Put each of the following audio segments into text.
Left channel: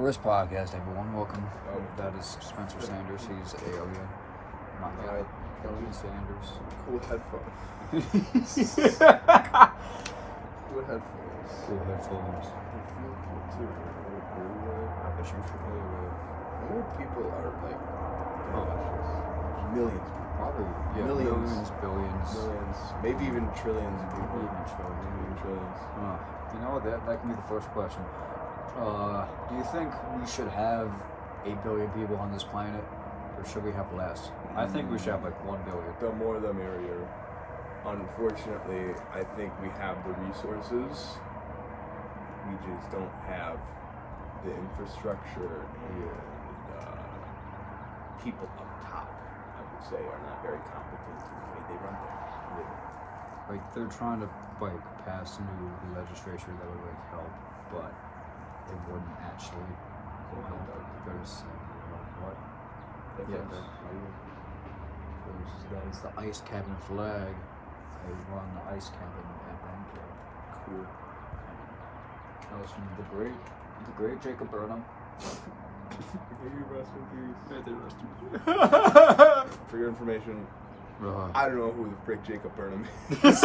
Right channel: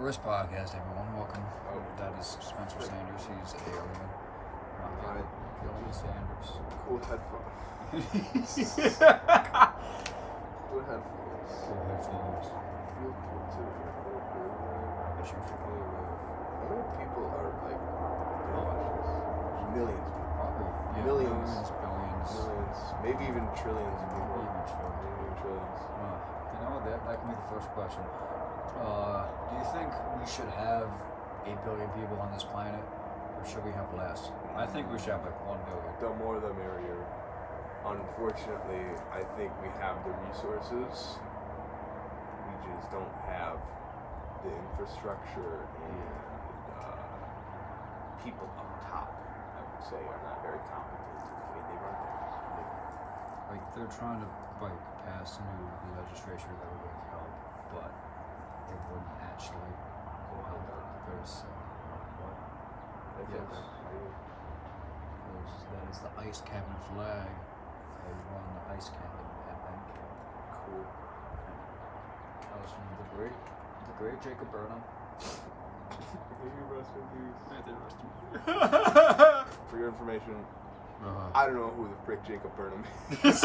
First podcast, everyone. Welcome. That is Spencer Sanders. He's alien. My Alright. Alien Sanders. Cool headphones. Cool headphones. Cool headphones. They feel cool too. They're a little groove in it. I bet you Hey feel man, how many people are like gonna Oh. watch this? Millions, probably millions, billions. millions, maybe even trillions of people. Even trillions. Even trillions. You know what? That can be the first question. Do you think we should have 8 billion people on this planet, or should we have less? I think we should have like 1 billion. The more the merrier. Unfortunately, I think we have the resources. We just don't have the infrastructure and people up top, I would say, are not very competent in the way they run things. Like they're trying to pass new legislation that would help, but it wouldn't actually help because what? Yes. Because that is the ice cabin flag. I run the ice cabin at band camp. Cool. And that was from the great Jacob Burnham. Maybe rest in peace. May they rest in peace. For your information, Right. I don't know who the frick Jacob Burnham is.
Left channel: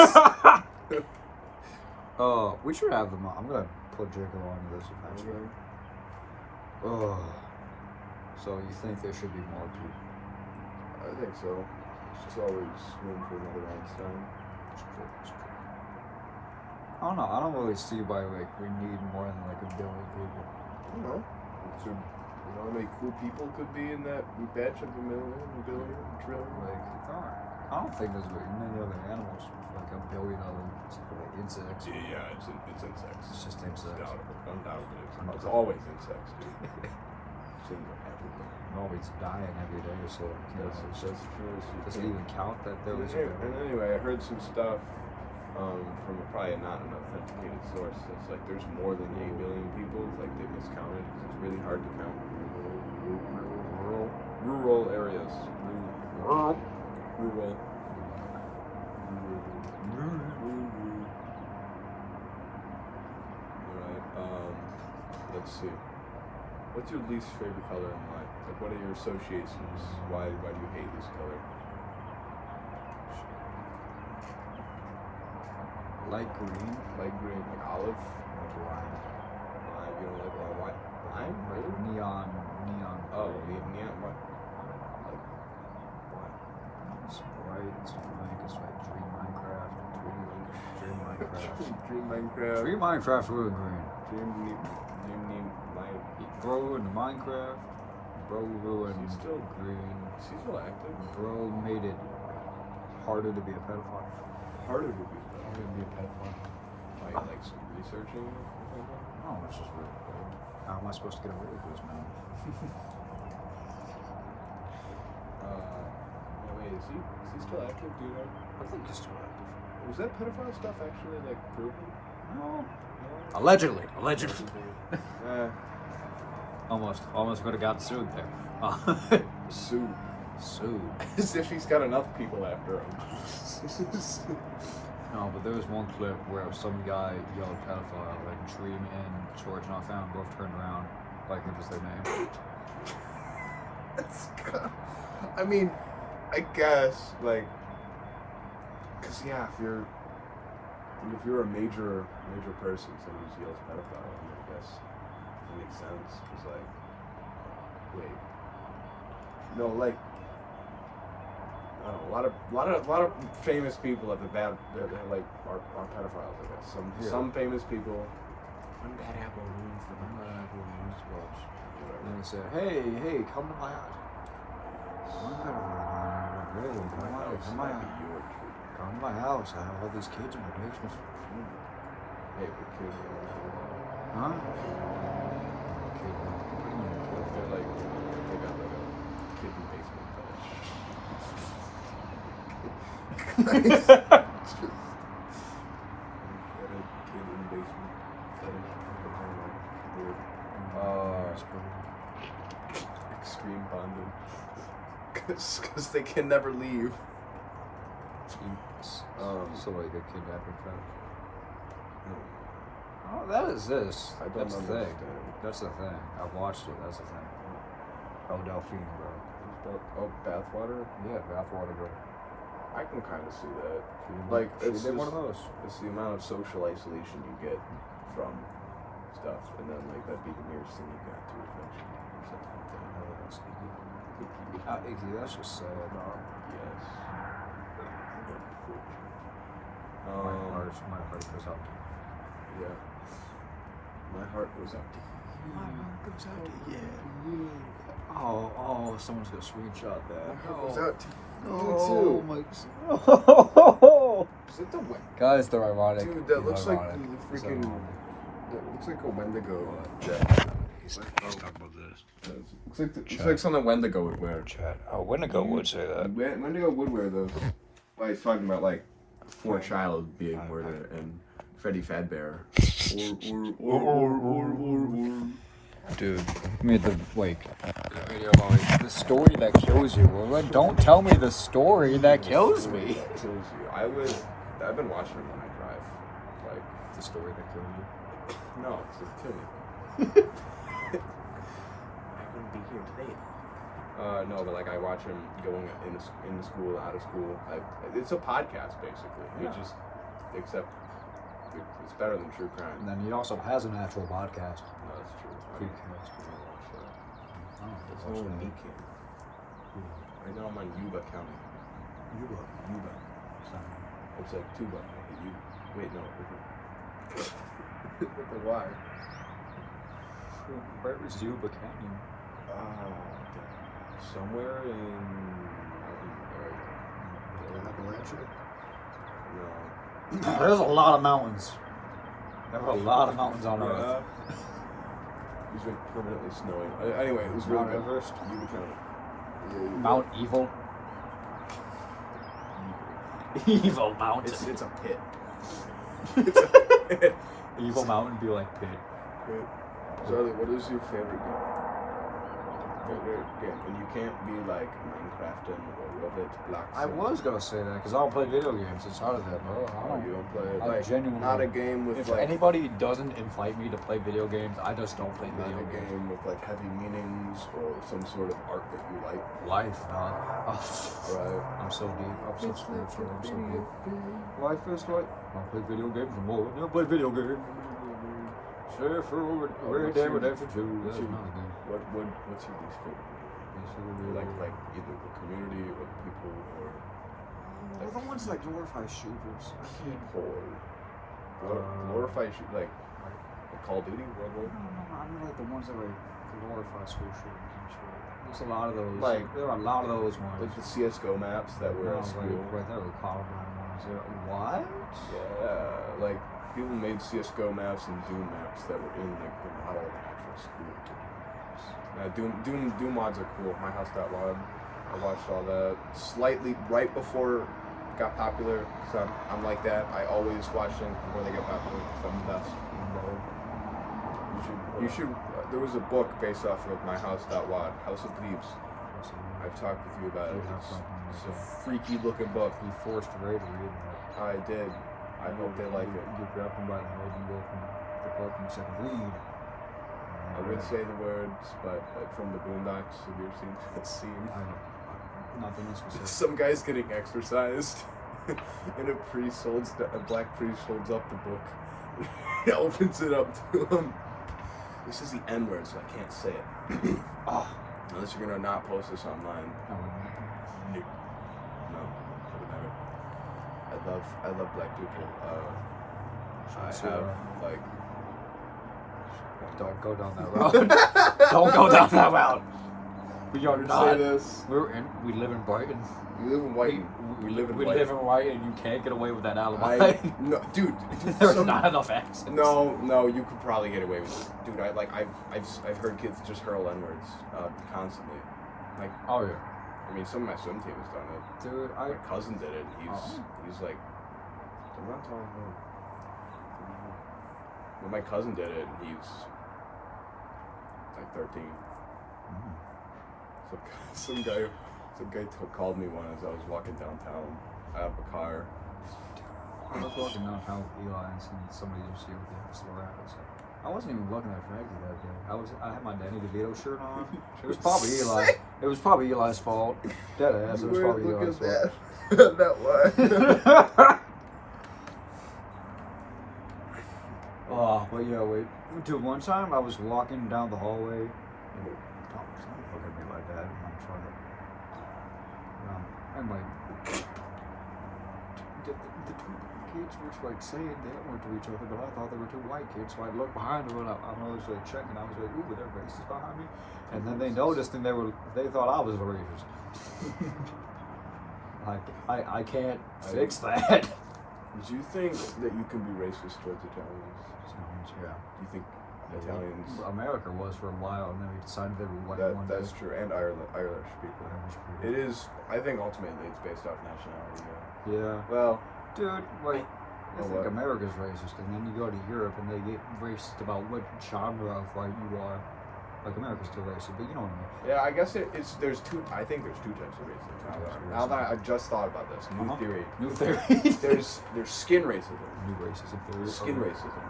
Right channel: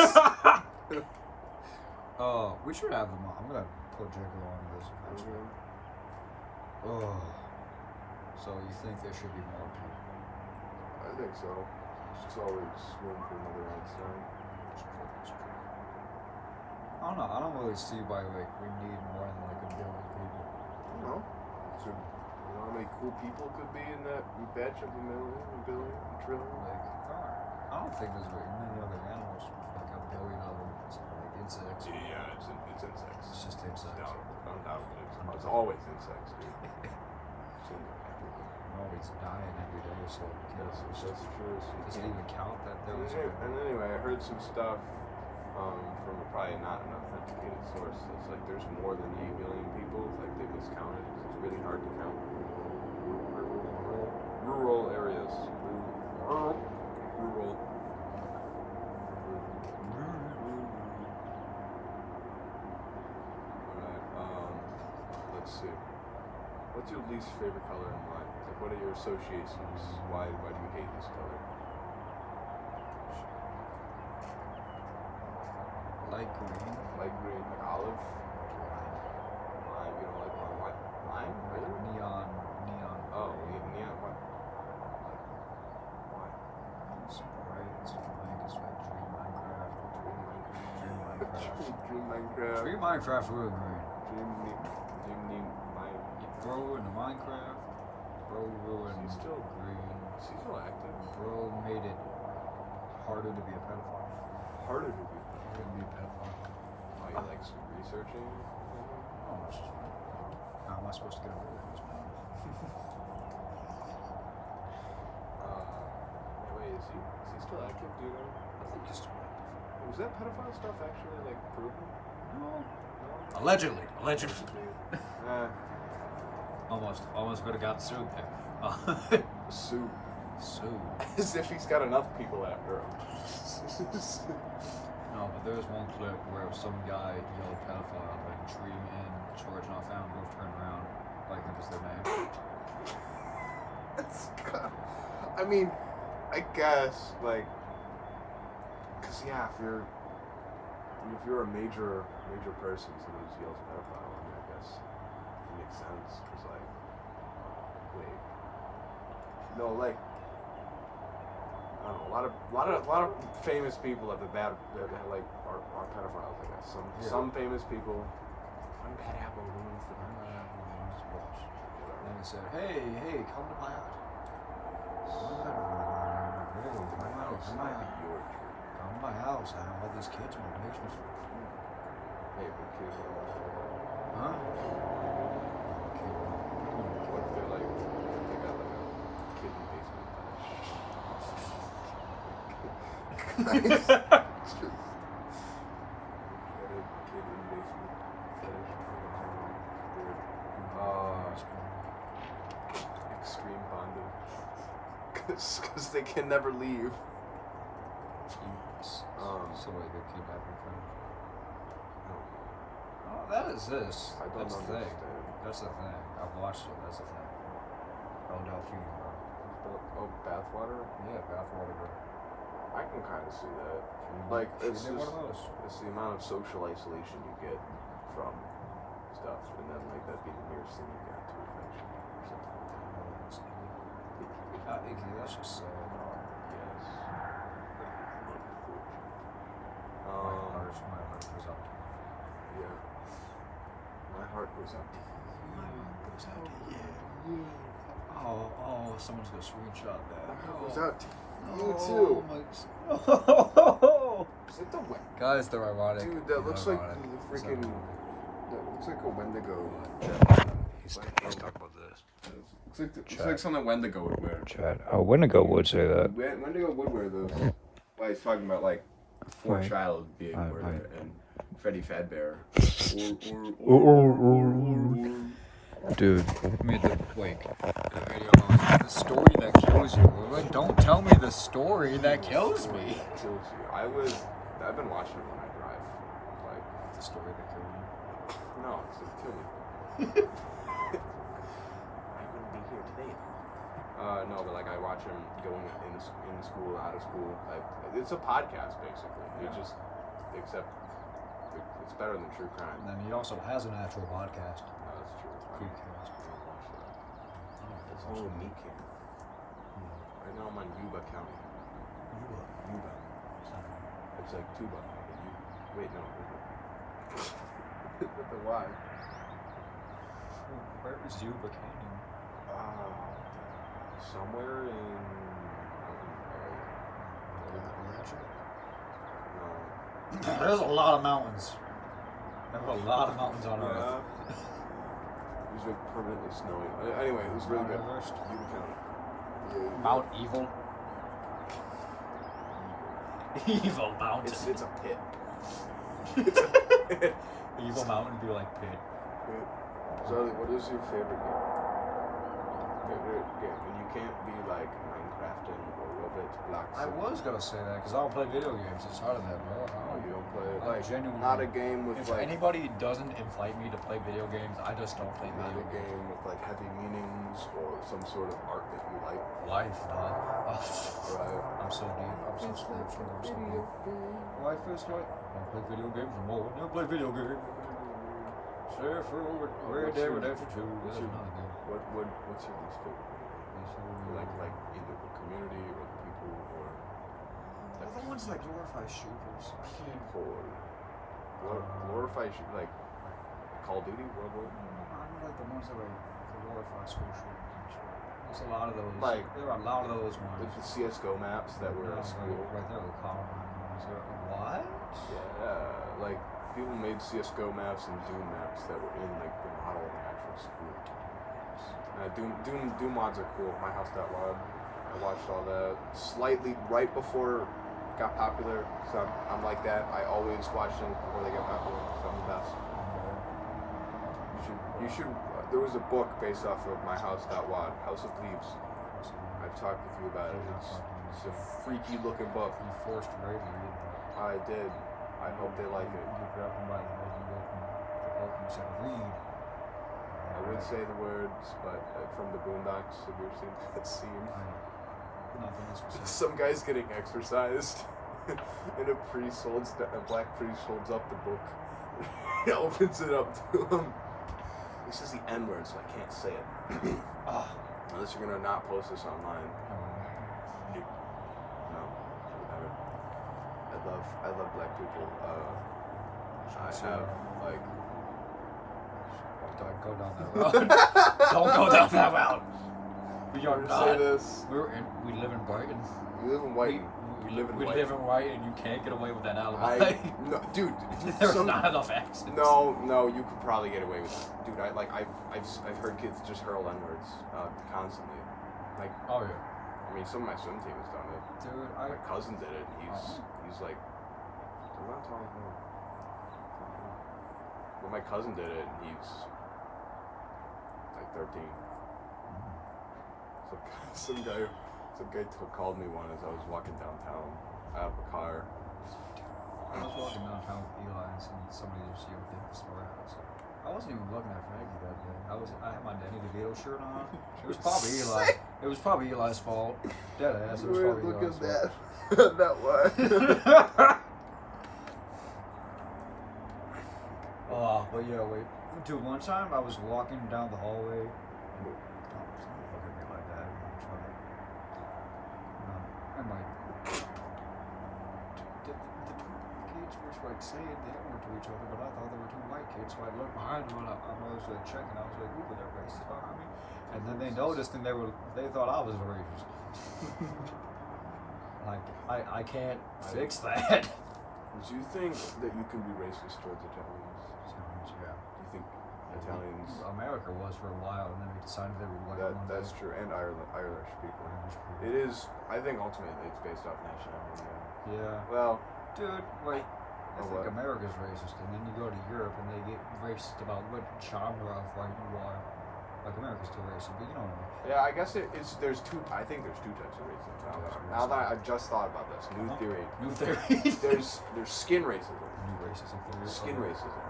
We should have them on. I'm gonna put Jacob on this eventually. So you think there should be more people? I think so. There's always room for another Einstein. I don't know. I don't really see why we need more than 1 billion people. I don't know. You know how many cool people could be in that batch of a million, a billion, a trillion? There aren't. I don't think there's many other animals with 1 billion of them. It's insects. Yeah, it's insects. It's just insects. Undoubtedly. It's always insects, dude. Seen it everything. They're always dying every day, so That's true. does it even count that there was And anyway, I heard some stuff from probably not an authenticated source. It's like there's more than 8 billion people. It's like they miscounted. It's really hard to count rural areas. Rural. Alright, let's see. What's your least favorite color and why? Like, what are your associations? Why do you hate this color? light green, Light green, like olive? like lime, Lime, you don't like lime? Lime? like Really? neon. Oh, gray. neon, what? Like, why? It's bright. It's fine. It's like Dream Minecraft. Dream Minecraft. Dream Minecraft. Dream Minecraft with green. Dream Bro in the Minecraft. Bro ruined She's still green. She's still active. Bro made it harder to be a pedophile. Harder to be. Harder to be a pedophile. Oh, you like some researching it or something? Oh, that's just really cool. How am I supposed to get away with this now? Wait, is he still active? Do you know? I think he's still active. Was that pedophile stuff actually like proven? No. No. Allegedly. Almost could have got sued there. Sued. Sued. As if he's got enough people after him. No, but there's one clip where some guy yelled pedophile, and Dream and George Not Found both turned around, like what is their name? I mean, I guess like, cause yeah, if you're a major person, somebody just yells pedophile on you, I guess it makes sense. Cause like, oh, wait, no, like. I don't know, a lot of famous people that are pedophiles, I guess. Some famous people. One bad apple ruins the bunch. Whatever. And they said, hey, come to my house. Come to my house. I have all these kids in my basement. Hey, the kids don't want to hear that. Huh? What if they're like, they got like a kidney basement fetish? It's just kid in basement fetish. Weird. Extreme bonding. Because they can never leave. So like they kidnapping fetish. Oh, Oh, that exists. I don't That's the understand. thing. That's the thing. I've watched it. That's the thing. Oh, Delphine, bro. Oh, bathwater. Yeah, bathwater girl. I can kind of see that. Like, Like, she did one of those. It's the amount of social isolation you get from stuff, and then like that being the nearest thing you got to affection or something like that. Icky, that's just sad, dog. Yes. My heart goes out. Yeah. My heart goes out to you. My heart goes out to you. Oh, someone's gonna screenshot that. My heart goes out to you Oh, too. my. Oh. Is it the wet? Guys, they're ironic. Dude, that He's looks ironic. like He's the freaking. ironic. That looks like a Wendigo. Let's talk about this. Looks like something Wendigo would wear. Chat. Oh, Wendigo would say that. Wendigo would wear those. Well, he's talking about like Poor Child being murdered and Freddy Fazbear. Dude, I mean video about like, the story that kills you. Well, like, don't tell me the story that kills me. That kills you. I've been watching them when I drive. Like The story that kills you. no, it's just kill me. I wouldn't be here today. No, but like I watch him going in school, out of school. It's a podcast basically. Yeah. It just except it's better than true crime. And then he also has an actual podcast. No, that's true. I don't watch that. I don't It's watch all that. me Kim. Right now I'm on Yuba County. Yuba. Yuba. It's like tuba. Wait, no. With the Y. Where is Yuba County? Somewhere in mountain area. No. There's a lot of mountains. There are a lot of mountains on Earth. It's been permanently snowing. Anyway, it was really Mount good. Everest? Yuba County. Mount Evil. Evil Mountain. It's a pit. Evil Mountain be like pit. Charlie, what is your favorite game? Favorite game, and you can't be like Minecrafting or Roblox blocks. I was gonna say that because I don't play video games. It's hard of that, bro. You don't play it. I'm Like, genuinely. not a game with If like anybody doesn't invite me to play video games, I just don't play not video a games. game with like heavy meanings or some sort of art that you like. Life, dog. All right. I'm so deep. I'm so spiritual. I'm so deep. Life is like I don't play video games no more. I never play video games. Share for Red Dead Redemption 2. What's That's your, another game. what's your least favorite game? Like either the community or the people or Well, the ones that glorify shooters. I can't. or glorify like Call of Duty, World War. No, I mean like the ones that like glorify school shooters and shit. There's a lot of those. Like- there are a lot of those ones. Like the CS:GO maps that were No, at school. right there were Columbine ones. What? Yeah, like people made CS:GO maps and Doom maps that were in like the model of an actual school. Doom mods are cool. My House Got Wild. I watched all that slightly right before it got popular. So I'm like that. I always watch things before they get popular. So I'm the best. I'm better. You should. There was a book based off of My House Got Wild, House of Leaves. I've talked with you about it. It's a freaky looking book. You forced Ray to read that. I did. I hope they like it. You grabbed him by the head and opened the book and said, read. I would say the words, but from the Boondocks, have you ever seen that scene? Nothing else to say. Some guy's getting exercised, and a black priest holds up the book. He opens it up to him. This is the N word, so I can't say it. Unless you're gonna not post this online. I wouldn't. No, I would never. I love black people. I have like. Don't go down that route. Don't go down that route. We are not. Say this. We live in Brighton. We live in White. We live in We White. live in White, and you can't get away with that alibi. No, dude. There's not enough accents. No, you could probably get away with it, dude. I've heard kids just hurl N-words constantly. Like, Oh yeah, I mean, some of my swim team has done it. dude. My cousin did it. And Oh. he's like, I'm not telling him. Well, my cousin did it, and he's like 13. So some guy called me one as I was walking downtown out of a car. I was walking down how Eli and seen somebody just yelled at Slorados. I wasn't even looking at Frankie that day. I had my Danny DeVito shirt on. It was probably Eli. It was probably Eli's fault. Dead ass. It was probably Eli's fault. That was. Oh, but yeah, wait. Dude, one time I was walking down the hallway and don't look at me like that. I'm trying to. Well, I'm like. The two kids were like saying that were to each other, but I thought they were two white kids. So I looked behind them and I was like checking. I was like, ooh, but they're racist behind me. And then they noticed and they thought I was a racist. I can't fix that. Do you think that you can be racist towards Italians? Yeah. Do you think Italians? America was for a while, and then we decided they were white one That's day. true, and Irish people. It is. I think ultimately it's based off nationality. Yeah. Well, Dude, like, I think what? America's racist, and then you go to Europe and they get racist about what genre of like you are. Like America's still racist, but you know what I mean. yeah, I guess it's. There's two. I think there's two types of racism. Now that I just thought about this, new theory. New theory. There's skin racism. New racism theory. Skin racism,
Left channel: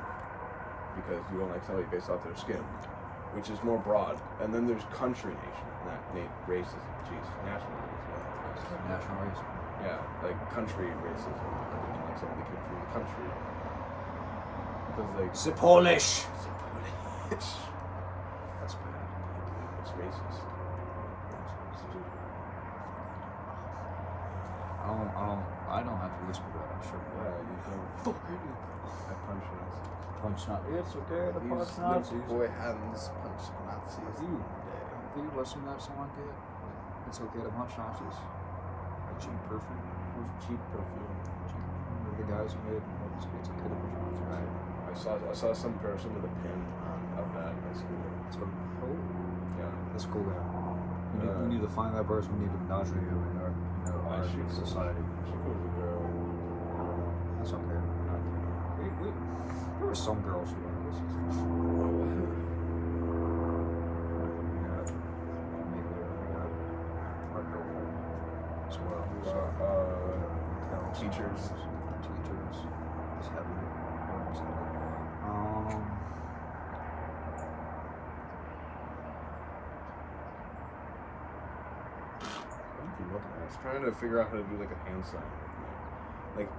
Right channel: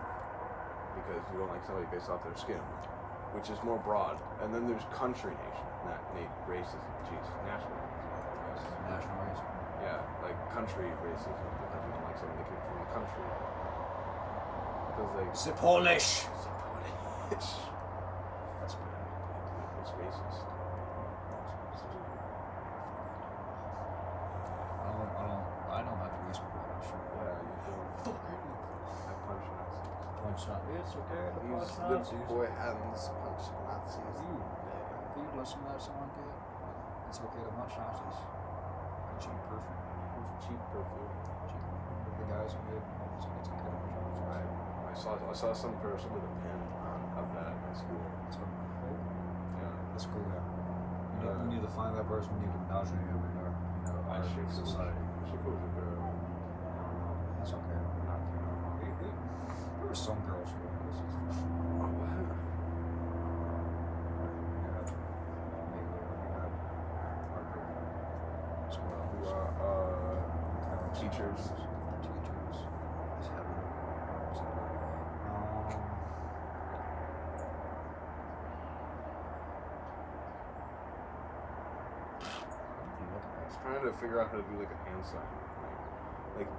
because you don't like somebody based off their skin, which is more broad. And then there's country racism. Jeez, national racism. National racism. Yeah, like country racism. Because you don't like somebody that came from the country. Because like The Polish. it's a Polish. That's bad. It's racist. I don't have to whisper that. I'm sure. Yeah, you don't. I punch Nazis. Punch not. It's okay to punch These Nazis. little boy hands punch Nazis. Have you listened to that song yet? It's okay to punch Nazis. By Cheap Perfume. Who's cheap perfume? The guys who made it's okay to punch Nazis. I saw some person with a pin of that at school. So, oh, Yeah. that's cool. Yeah. You need to find that person. We need to indoctrinate them in our society. That's okay. There were some girls who liked this. Our girlfriend as well. Teachers. It's heavily. What are you looking I at? was trying to figure out how to do like a hand sign with my, like,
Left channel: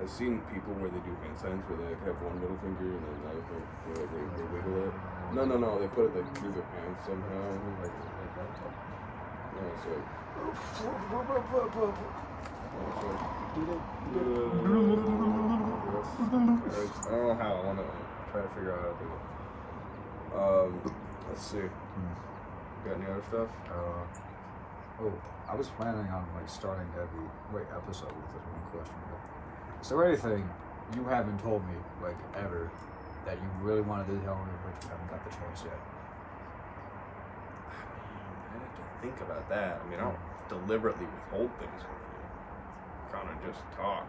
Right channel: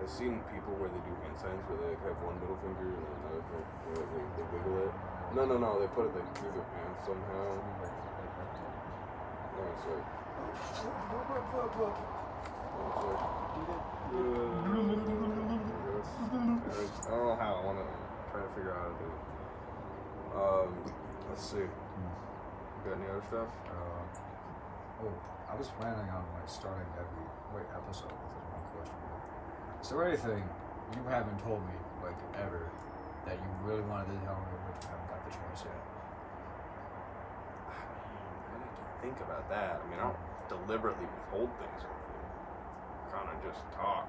I've seen people where they do hand signs where they have one middle finger and then another finger, like they wiggle it. No, they put it like through their hands somehow. Like that? No, it's like, I don't know how. I want to try to figure out how to do it. Let's see. Got any other stuff? I was planning on like starting every episode with this one question. But is there anything you haven't told me like ever that you really wanted to tell me but you haven't got the chance yet? I'd have to think about that. I mean, I don't deliberately withhold things from you. Kind of just talk.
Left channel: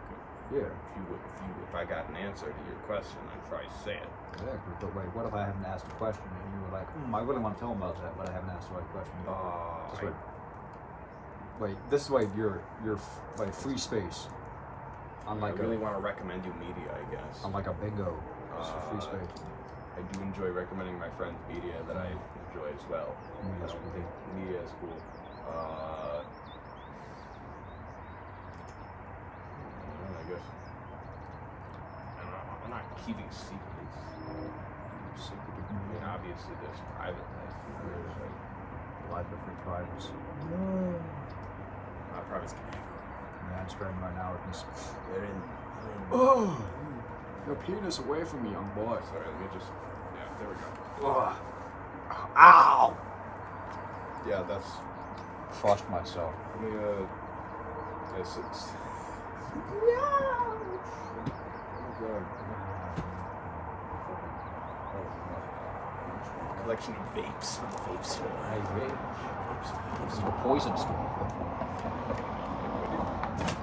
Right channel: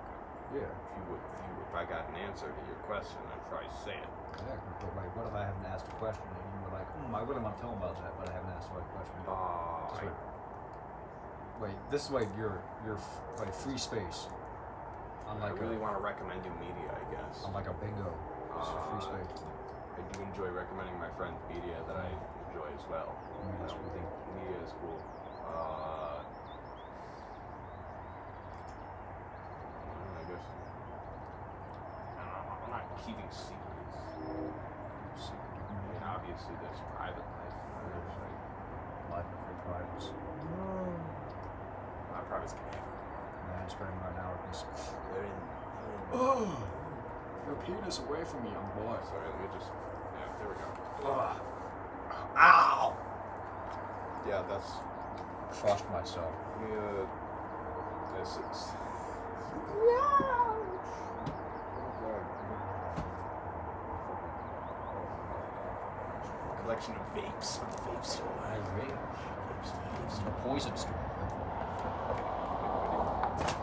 Yeah. If I got an answer to your question, I'd probably say it. Exactly. But like, what if I haven't asked a question and you were like, I really want to tell them about that, but I haven't asked the right question yet? Just wait, this is like your like free space. I really want to recommend you media, I guess. I'm like a bingo. It's a free space. I do enjoy recommending my friends media that I enjoy as well. I don't think media is cool. I guess. I'm not keeping secrets. I mean, obviously there's private life and there's like Life of your privacy. not privacy. Man, I'm spraying right now with this. They're in. Oh! Your penis away from me, young boy. Sorry, let me just. Yeah, there we go. Oh. Ow! Yeah, that's. Crushed myself. Let me Oh no. collection of vapes on the vape store. I agree. It's a poison store.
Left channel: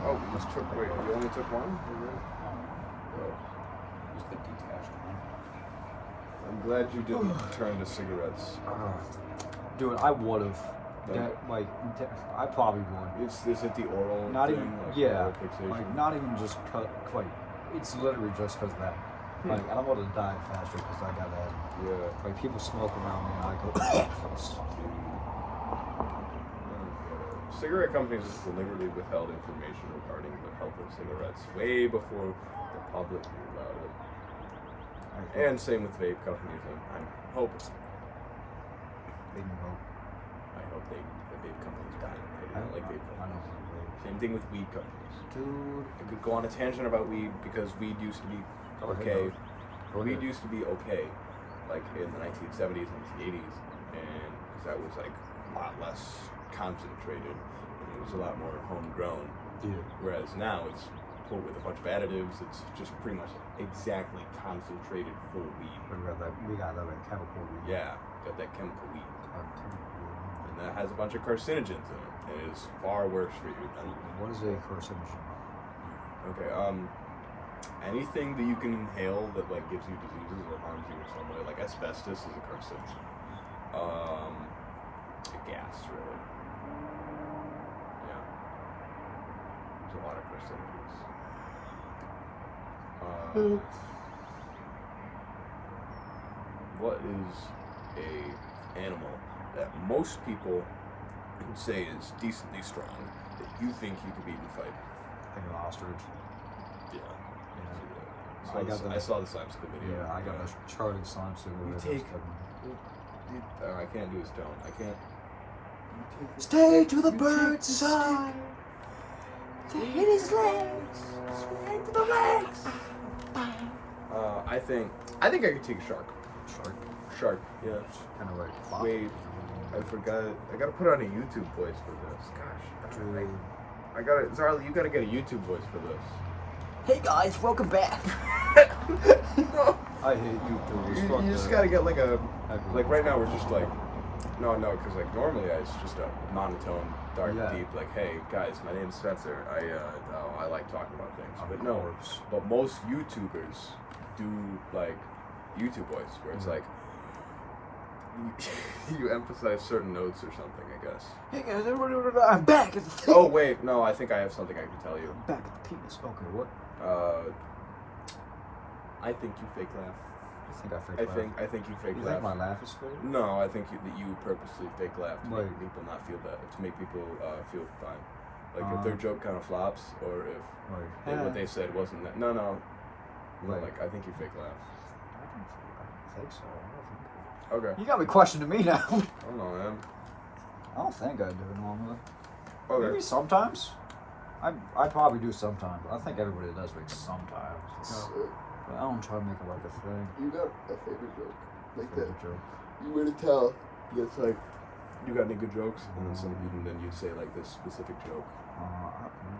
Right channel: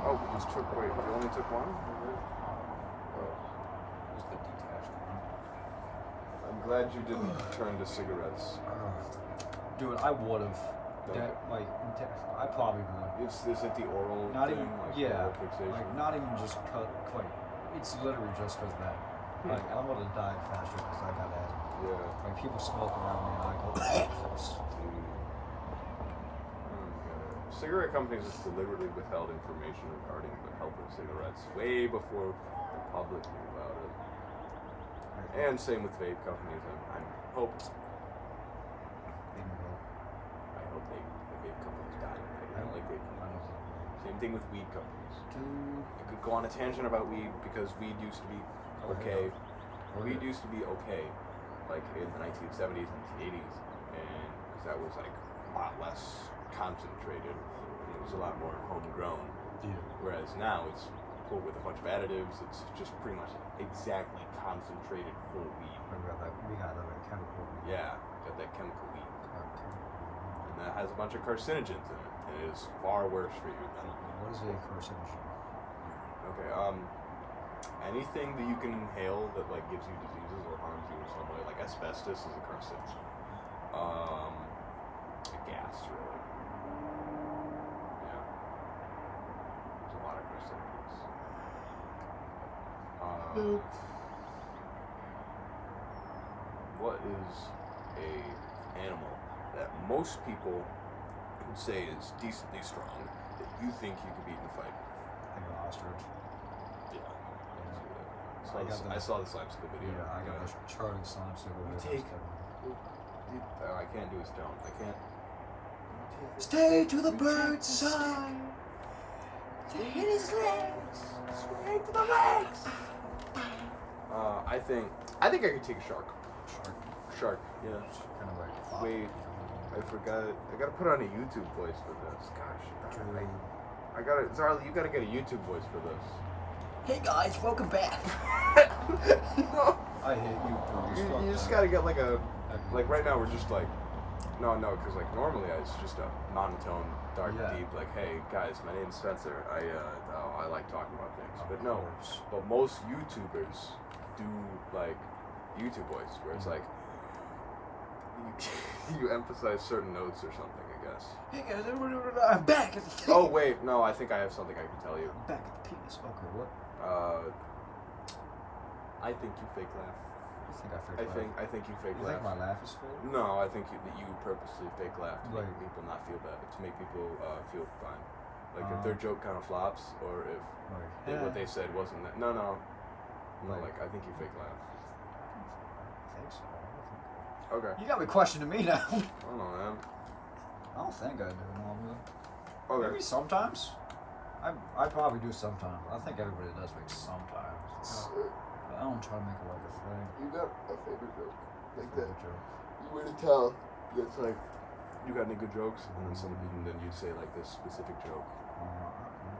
Oh, we just took. Wait, we only took one? Oh. Just the detached one. I'm glad you didn't turn to cigarettes. Dude, I would have. That I probably would. Is it the oral Not thing? even, Like yeah, oral fixation? like not even just cut, like It's literally just because that. Like, I don't want to die faster because I got asthma. Yeah. Like, people smoke around me and I go, Cigarette companies have deliberately withheld information regarding the health of cigarettes way before the public knew about it. And same with vape companies. I'm hoping. I hope the vape companies die. I do not like vape I don't companies. like vape. Same thing with weed companies. Dude. I could go on a tangent about weed because weed used to be okay. Weed used to be okay, like in the 1970s, 1980s, and because that was like a lot less concentrated, and it was a lot more homegrown. Yeah. Whereas now it's put with a bunch of additives. It's just pretty much exactly concentrated full weed. We got that like chemical weed. Yeah, got that chemical weed, Chemical weed. and that has a bunch of carcinogens in it, and it is far worse for your body. What is a carcinogen? Okay, anything that you can inhale that like gives you diseases or harms you in some way, like asbestos is a carcinogen. A gas, really. Yeah. There's a lot of carcinogens. What is a animal that most people would say is decently strong that you think you could beat in a fight? I think an ostrich. Yeah. Yeah. I saw the slime school video. Yeah, I got the charted slime symbol You there. take- I can't do his tone. I can't. Stay to the bird's side. To hit his legs. Swing to the legs. I think I could take a shark. Shark. Yeah. Kind of like flop, Wait. you know? I forgot. I gotta put on a YouTube voice for this. Gosh. Dude. I gotta. Zarly, you gotta get a YouTube voice for this. Hey guys, welcome back. No. I hate YouTubers. You just gotta get like a. Like right now we're just like. No, because like normally it's just a monotone, dark, Yeah. deep. Like, hey guys, my name's Spencer. I like talking about things. Of But no. course. But most YouTubers do like YouTube voice where it's like you emphasize certain notes or something, I guess. Hey guys, I'm back at the penis. Oh wait, no, I think I have something I can tell you. I'm back at the penis. Okay, what? I think you fake laugh. You think I fake laugh? I think you fake You laugh. think my laugh is fake? No, I think that you purposely fake laugh to Like- make people not feel bad, to make people feel fine. Like if Uh-huh. their joke kind of flops, or if Like, what they said wasn't that. No, Like- like I think you fake laugh. I don't think so. I don't think. Okay. You got me questioning me now. I don't know, man. I don't think I do normally. Okay. Maybe sometimes. I probably do sometimes. I think everybody does like sometimes. But I don't try to make it like a thing. You got a favorite joke like that. Favorite joke. You really tell. It's like you got any good jokes, and then some even then you say like this specific joke. I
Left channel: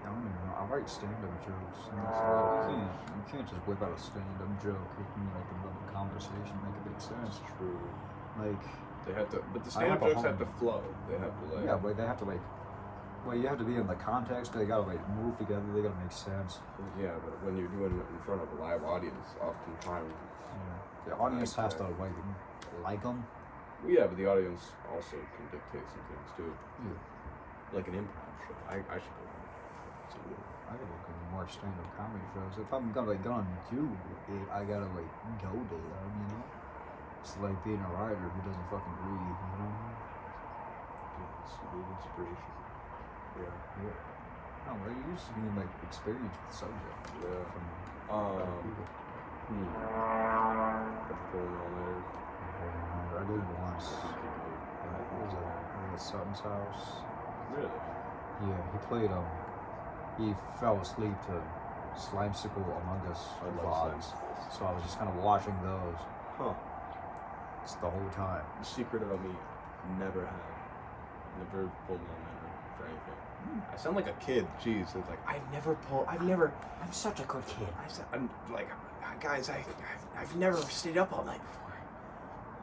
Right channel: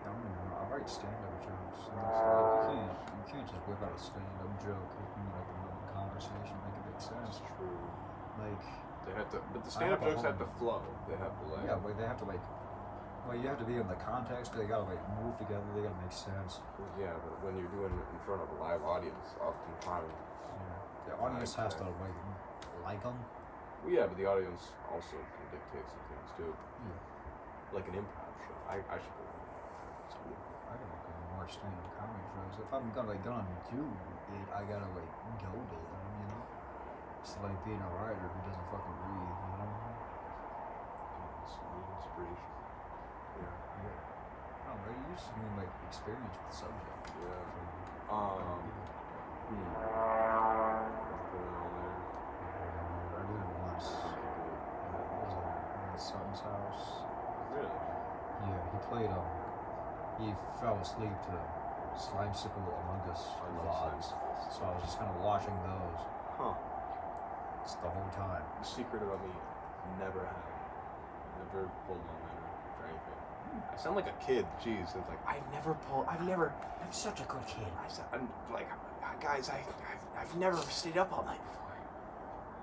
don't even know. I write stand-up jokes. You can't just whip out a stand-up joke. You can like develop a conversation, make it make sense. That's true. Like, They have to, but the I have stand-up a jokes have to home. flow. They have to like. yeah, but they have to like. Well, you have to be in the context. They gotta like move together. They gotta make sense. Well, yeah, but when you're doing it in front of a live audience, oftentimes. Yeah. The audience has to like them. Well, yeah, but the audience also can dictate some things too. Yeah. Like an improv show. I should go to an improv show. I gotta go to more stand-up comedy shows. If I'm gonna do it, I gotta like go to them. You know. It's like being a writer who doesn't fucking breathe. You know. Yeah, it's really inspiration. Yeah. Yeah. No, but it used to be like experience with the subject. Yeah. From Got the pulling all there. I did it once. I think you do it. I It think was you at Sutton's house. Really? Yeah, he played he fell asleep to Slimesicle Among Us I love vlogs. science. So I was just kind of watching those Huh. just the whole time. The secret about me, never have. Never pulled an all-nighter for anything. I sound like a kid. Jeez, it's like I've never. I'm such a good kid. I'm like, guys, I've never stayed up all night before.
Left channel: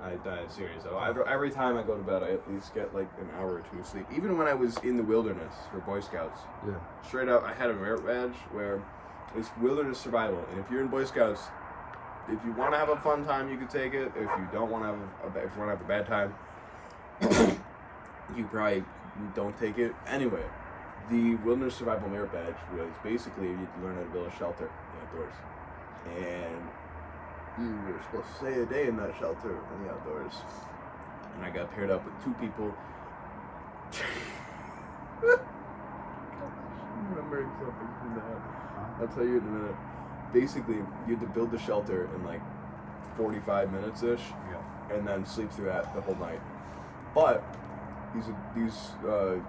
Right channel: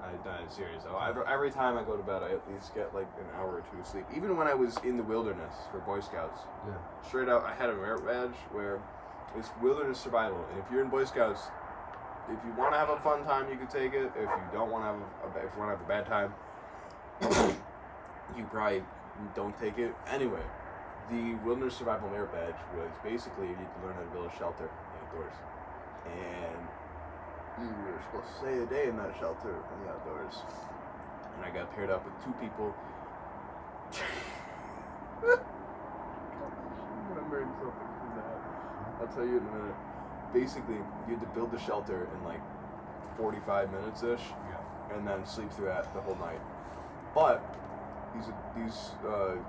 I die serious. Every time I go to bed, I at least get like an hour or two of sleep. Even when I was in the wilderness for Boy Scouts, Yeah. straight up, I had a merit badge where it's wilderness survival, and if you're in Boy Scouts, if you want to have a fun time, you can take it. If you don't want to if you want to have a bad time, you probably don't take it. Anyway, the wilderness survival merit badge was basically you need to learn how to build a shelter in the outdoors. and you were supposed to stay a day in that shelter in the outdoors. And I got paired up with 2 people. I'm remembering something from that. I'll tell you in a minute. Basically, you had to build the shelter in like 45 minutes ish, Yeah. and then sleep through that the whole night. But these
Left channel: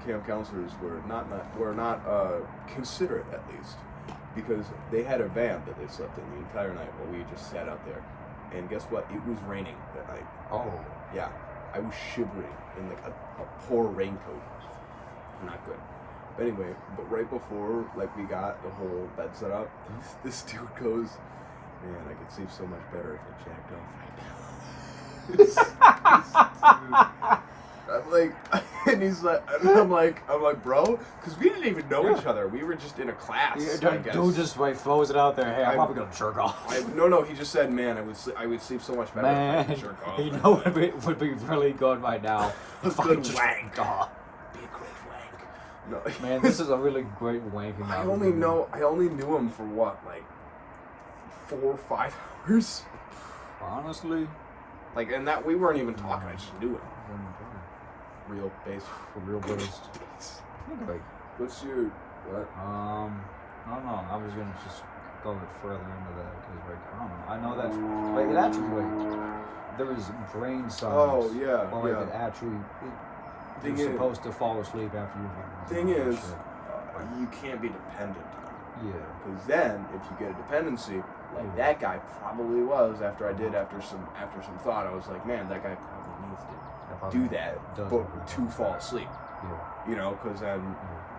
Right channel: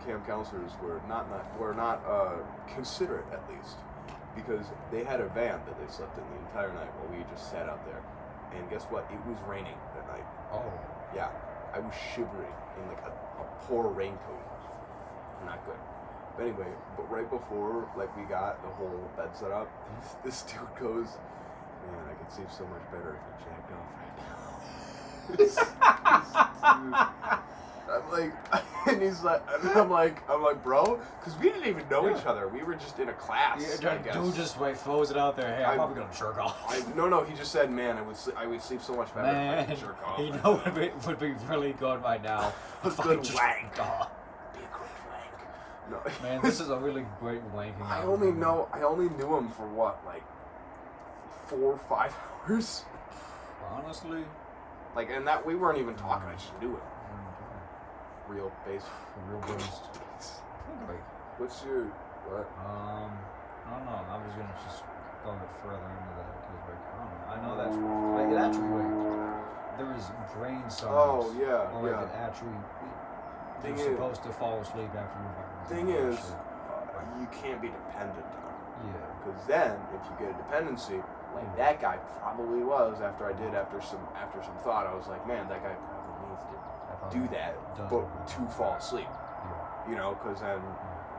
camp counselors were not considerate, at least, because they had a van that they slept in the entire night while we just sat out there. And guess what? It was raining that night. Oh. Yeah, I was shivering in like a poor raincoat. Not good. But anyway, but right before like we got the whole bed set up, this dude goes, "Man, I could sleep so much better if I jacked off right now." I'm like, and he's like, and I'm like, bro, because we didn't even know each other. We were just in a class. I guess. Dude just like throws it out there. Hey, I'm probably gonna jerk off. No, he just said, "Man, I would sleep so much better if I could jerk off." You know what would be really good right now? If I Good just wank. off. Be a great wank. No, Man, this is a really great wanking. I only knew him for what, like 4 or 5 hours. Honestly, Like, and that we weren't even talking. I just knew him. Real base. For real based. Like, What's your what? I don't know. I was gonna just go a bit further into that because, like, I don't know. I know that's like it actually like there is brain science. Oh yeah, Or like yeah. it actually Thing you're is- supposed to fall asleep after you've Thing all that is, shit. you can't be dependent on it. Yeah. Because then, if you get a dependency, like that guy probably was, after some thought, I was like, man, that guy probably needs to do that, but to fall asleep. Yeah. You know, because then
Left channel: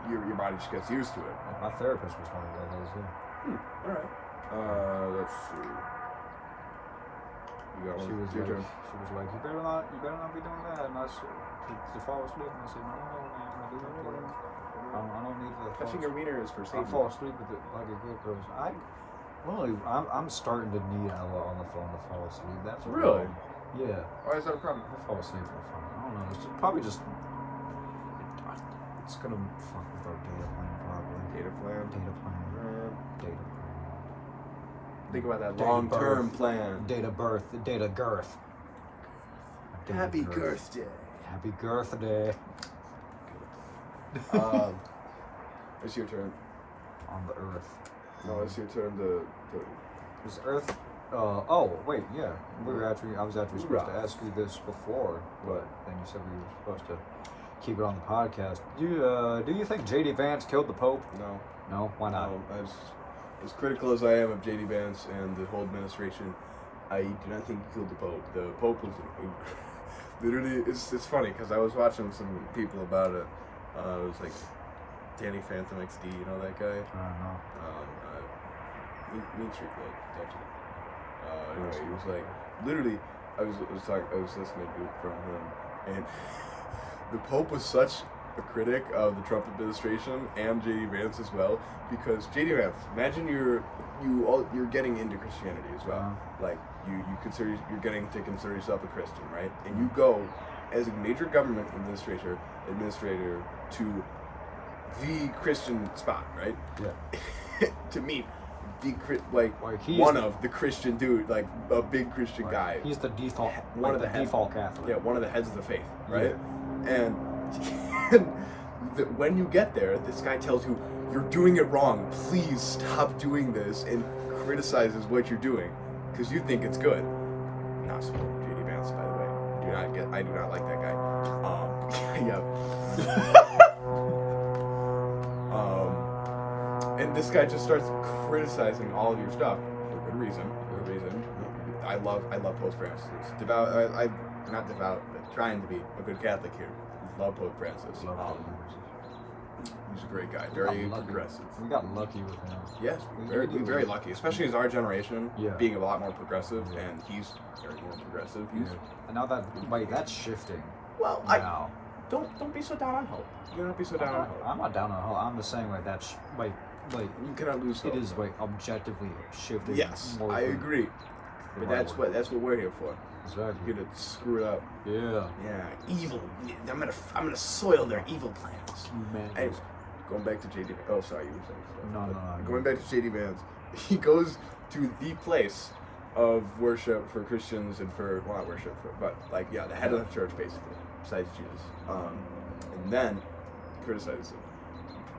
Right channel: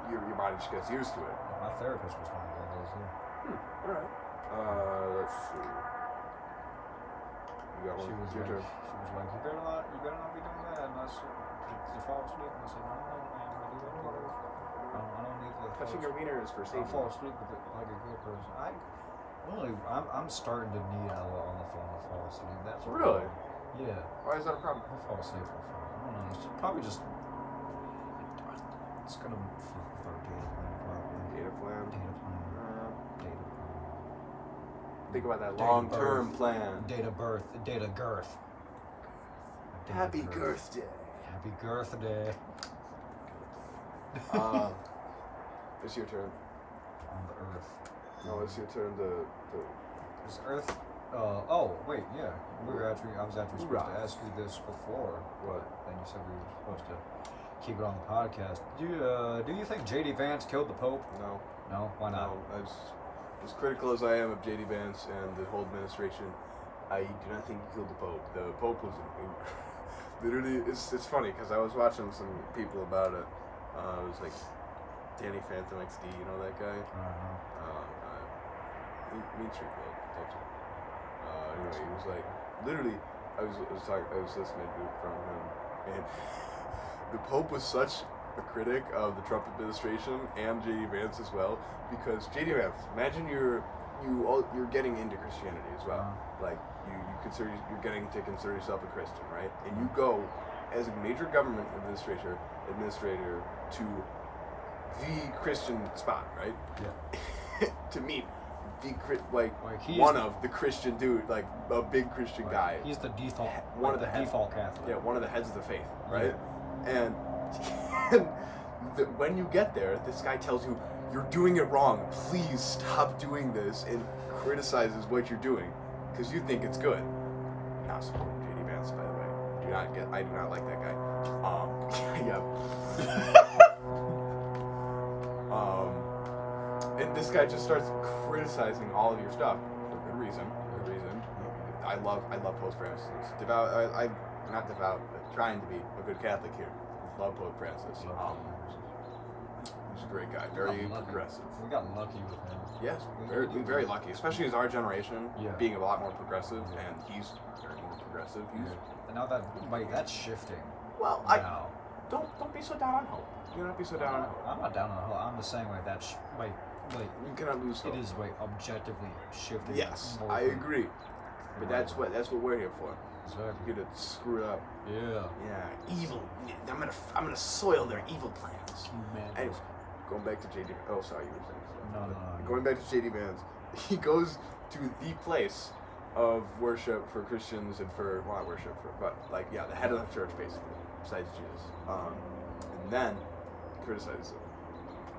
your body just gets used to it. My therapist was talking about those. Yeah. All right. Let's see. You got one. She was Your like, turn. you better not be doing that. And I said, to fall asleep. And I said, no, man, I do not know. I don't need to fall Touching your asleep. wiener is for I'll safety. fall asleep with it like a good person. I'm starting to need Ella on the phone to fall asleep. That's a Really? problem. Yeah. Why is that a problem? I fall asleep on the phone. I don't know. It's probably just. It's gonna fuck with our data plan probably. Data plan. Data plan. Data plan. Think about that Data long-term birth. plan. Data birth. Data girth. Data Happy girth day. Happy girth day. It's your turn. On the earth. No, it's your turn to Is Earth? Oh wait, yeah. I was actually supposed to ask you this before, but then you said we were supposed to keep it on the podcast. Do you think J.D. Vance killed the Pope? No. No, why not? As critical as I am of J.D. Vance and the whole administration, I do not think he killed the Pope. The Pope was literally. It's funny because I was watching some people about it. It was like Danny Phantom XD. You know that guy? I don't know. Meet you, don't you? Anyway, he was like, literally, I was listening to it from him, and the Pope was such a critic of the Trump administration and J.D. Vance as well, because J.D. Vance, imagine you're getting into Christianity as well, like you're getting to consider yourself a Christian, right? And you go as a major government administrator to the Christian spot, right? Yeah. To meet the he's of the Christian dude, like a big Christian guy. He's the default, One of the default Catholic. Yeah, one of the heads of the faith, right? And when you get there, this guy tells you, you're doing it wrong. Please stop doing this, and criticizes what you're doing because you think it's good. Not supporting J.D. Vance, by the way. I do not like that guy. Yeah. And this guy just starts criticizing all of your stuff for good reason. I love Pope Francis. Not devout, but trying to be a good Catholic here. Love Pope Francis. He's a great guy, very progressive. We got lucky with him. Yes, very lucky, especially as our generation being a lot more progressive, and he's very more progressive. And now that's shifting. Well, now. Don't be so down on hope. Do not be so down on hope. I'm not down on hope. I'm the same way. That's like you cannot lose hope. It is objectively shifting. Yes, I agree. But that's what we're here for. Exactly. We're here to screw it up. Yeah. Yeah. Evil. I'm gonna soil their evil plans. Anyway, going back to JD. Oh, sorry, you were saying stuff. No. Going back to JD Vance, he goes to the place of worship for Christians and for, well, not worship, but like, yeah, the head of the church, basically, besides Jesus. And then criticize him.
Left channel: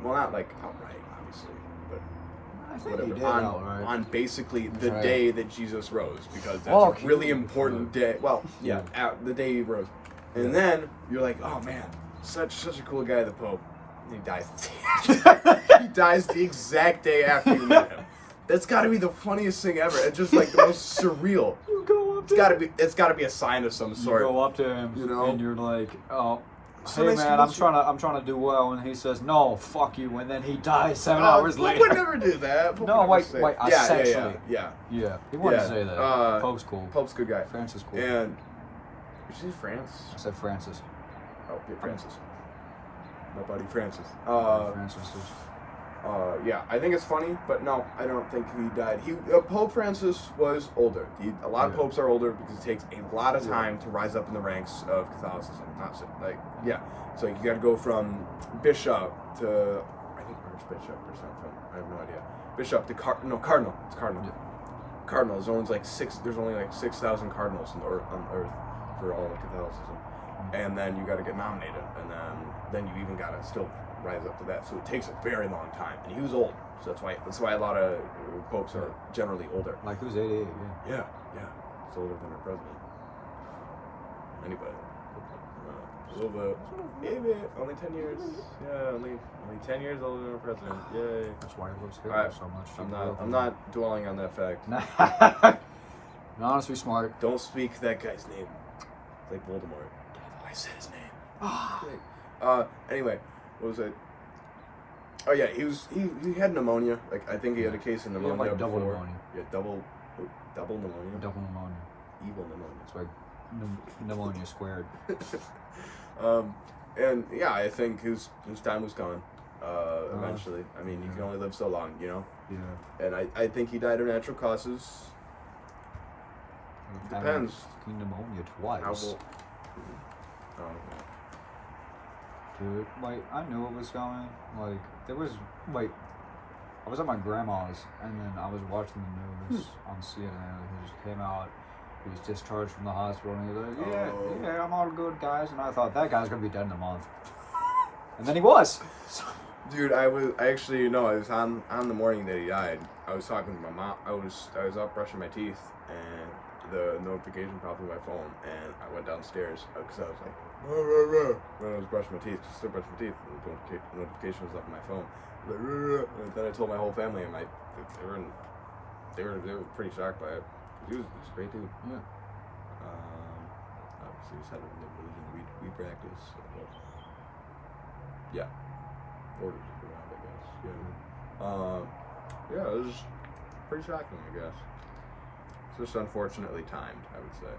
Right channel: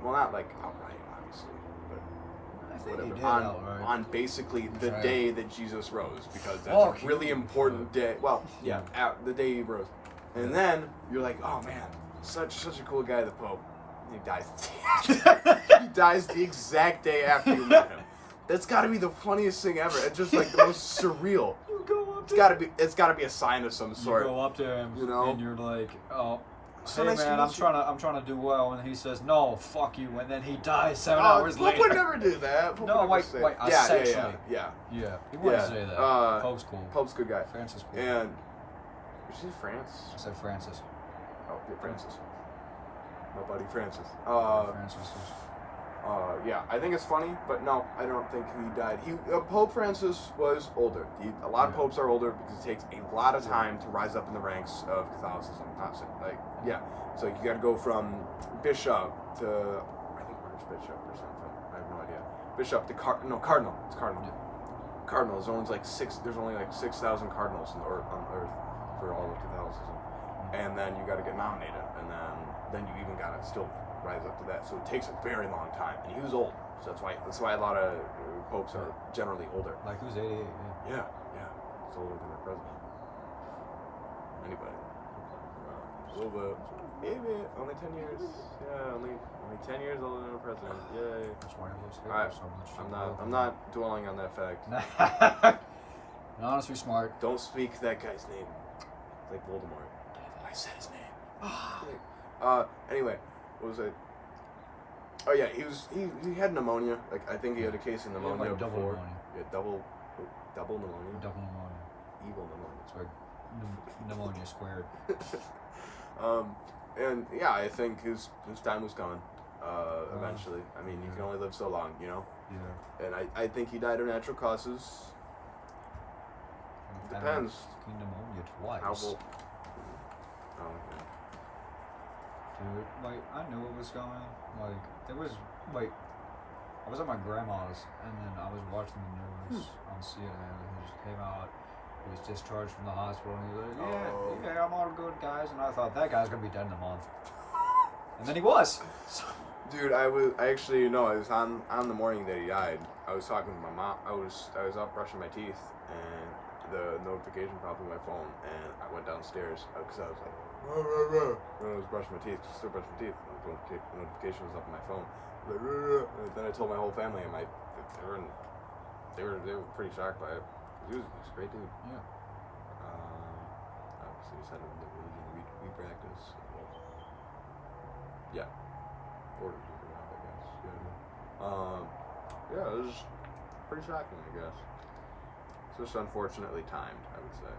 Well, not like outright, obviously, but I think whatever. he did on, outright. on basically the Right. day that Jesus rose, because that's Oh, a really cute. important day. Well, yeah, the day he rose. And Yeah. then you're like, oh man, such a cool guy, the Pope. And he dies. He dies the exact day after you met him. That's got to be the funniest thing ever. It's just like the most surreal. You go up It's got to be a sign of some sort. You go up to him, you know? and you're like, "Oh, So hey nice to man, meet you." I'm trying to do well," and he says, "No, fuck you," and then he dies 7 Oh, hours Pope later. would never do that. Pope No, would never wait, say- wait, Yeah, essentially. yeah. Yeah, he wouldn't Yeah, say that. Pope's cool. Pope's a good guy. Francis cool. And did you say France? I said Francis. Oh, yeah, Francis. My buddy Francis. Francis is. Yeah, I think it's funny, but no, I don't think he died. Pope Francis was older. A lot of Yeah. popes are older because it takes a lot of time to rise up in the ranks of Catholicism. So you got to go from bishop to, I think archbishop or something. I have no idea. Bishop to cardinal. It's cardinal. Yeah. Cardinal. There's only like 6,000 cardinals on Earth for all of Catholicism, and then you got to get nominated, and then you even got to still rise up to that. So it takes a very long time, and he was old, so that's why a lot of popes are generally older. Like who's 88? Yeah. Yeah, it's older than our president. Anybody? A little bit. Maybe only 10 years. Yeah, only 10 years older than our president. Yay. That's why he loves Hitler Alright, so much. I'm not dwelling on that fact. No, honestly, smart. Don't speak that guy's name. It's like Voldemort. I said his name. Anyway, what was it? Oh yeah, he had pneumonia. Like I think he had a case of pneumonia like double before. pneumonia. Yeah, double pneumonia. Double pneumonia. Evil pneumonia. It's like pneumonia squared. And yeah, I think his time was coming. Eventually, I mean, you can only live so long, you know. Yeah. And I think he died of natural causes. Depends. Pneumonia twice. Oh, Dude, like, I knew it was coming. Like, I was at my grandma's, and then I was watching the news on CNN, and he just came out. He was discharged from the hospital, and he was like, yeah, I'm all good, guys. And I thought, that guy's gonna be dead in a month. And then he was. Dude, I was on the morning that he died. I was talking to my mom. I was up brushing my teeth, and the notification popped on my phone, and I went downstairs because I was like, when I was brushing my teeth, still brushing my teeth, and the notification was up on my phone. And then I told my whole family, and they were pretty shocked by it. He was a great dude. Yeah. Obviously, he started losing weed practice. Well, yeah. Ordered it around, I guess. Yeah. It was pretty shocking, I guess. It's just unfortunately timed, I would say.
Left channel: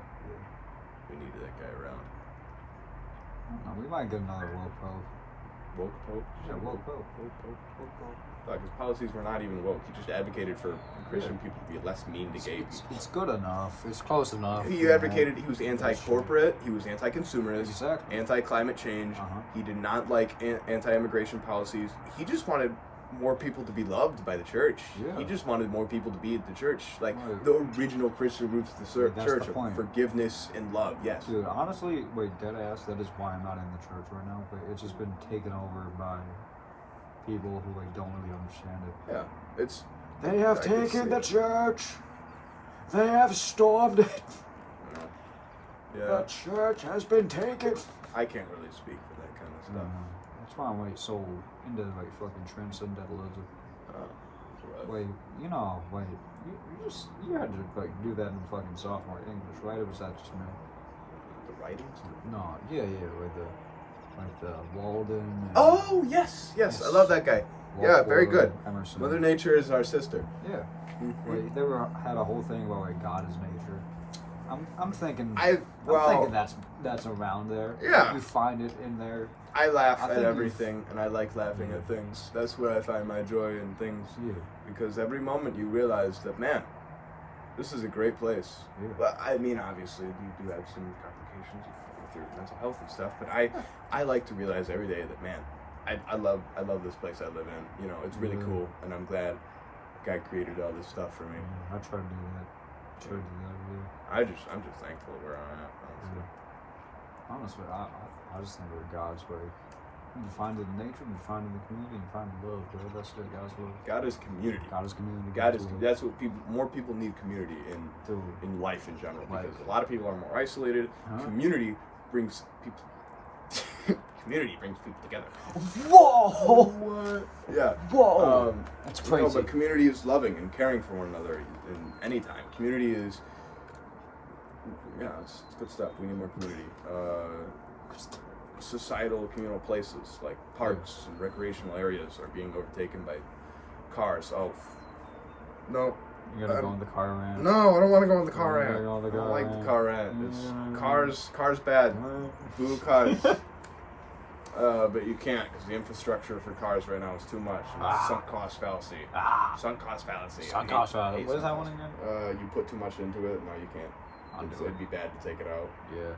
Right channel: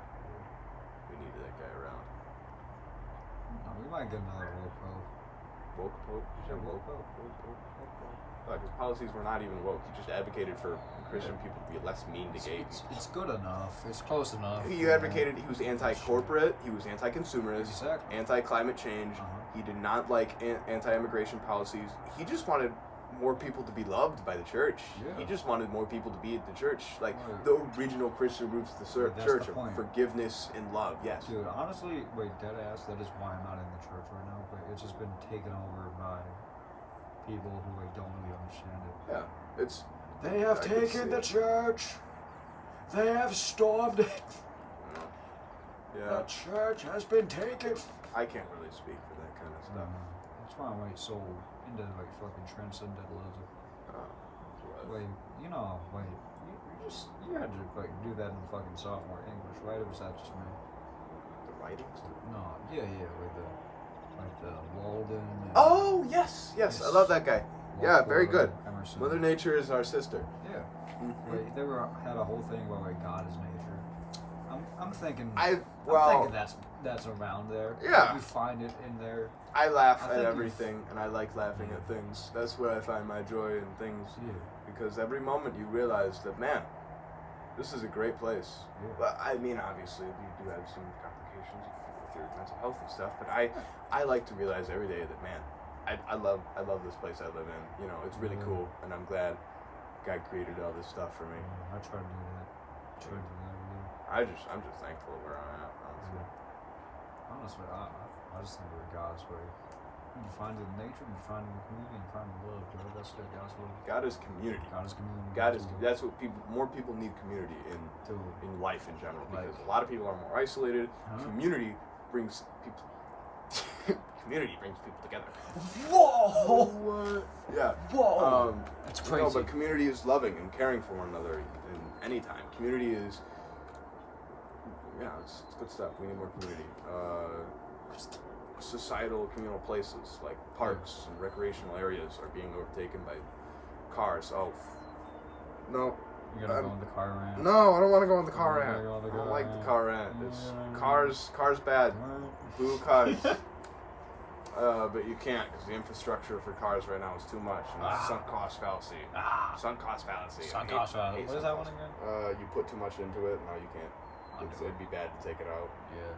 We needed that guy around. We might get another woke pope. Woke Pope? Yeah, woke pope. Woke Pope. His policies were not even woke. He just advocated for Christian people to be less mean to gay people. It's good enough. It's close enough. He advocated, he was anti-corporate, he was anti-consumerist, Exactly. anti-climate change. He did not like anti-immigration policies. He just wanted more people to be loved by the church. Yeah. He just wanted more people to be at the church. Like Right. the original Christian roots of the That's church the of point. forgiveness and love. Yes. Dude, honestly, dead ass, that is why I'm not in the church right now. But it's just been taken over by people who don't really understand it. Yeah. It's. They have I can see taken the it. church. They have stormed it. Yeah. The church has been taken. I can't really speak for that kind of stuff. That's why I'm so into fucking transcendentalism. Oh. You had to do that in fucking sophomore English, right? Or was that just me? The writings? No, yeah, like the Walden. And Oh, yes. I love that guy. Yeah, very good. Emerson. Mother Nature is our sister. Yeah. Mhm. They had a whole thing about God is nature. I'm thinking. I'm thinking that's around there. Yeah. You find it in there. I laugh I at think everything, and I like laughing at things. That's where I find my joy in things. Yeah. Because every moment you realize that, man, this is a great place. Yeah. Well, I mean, obviously, you do have some complications with your mental health and stuff, but I like to realize every day that, man, I love this place I live in. You know, it's really cool, and I'm glad guy created all this stuff for me. I tried to do that. Yeah. I'm just thankful where I'm at. Honestly. Honestly, I just think we're God's way. You find it in nature, you find it in the community, you find it in love, bro. That's it. God's love. God is community. God is community. God is. That's what more people need community Dude. in life in general, Like- because a lot of people are more isolated. Huh? Community brings people. Community brings people together. Whoa! What? Yeah. Whoa! That's No, crazy. but community is loving and caring for one another in any time. Community is. Yeah, it's good stuff. We need more community. Societal communal places like parks and recreational areas are being overtaken by cars. Oh, no. You gotta go in the car rant. No, I don't want to go in the car Yeah, rant. go in the I don't car like rant. the car rant. It's Yeah. cars bad. Boo cars. But you can't because the infrastructure for cars right now is too much. And it's sunk cost fallacy. Sunk cost fallacy. Sunk I hate- cost fallacy. hate What is sunk that cost. one again? You put too much into it. No, you can't. I'll do It'd be bad to take it out. Yeah.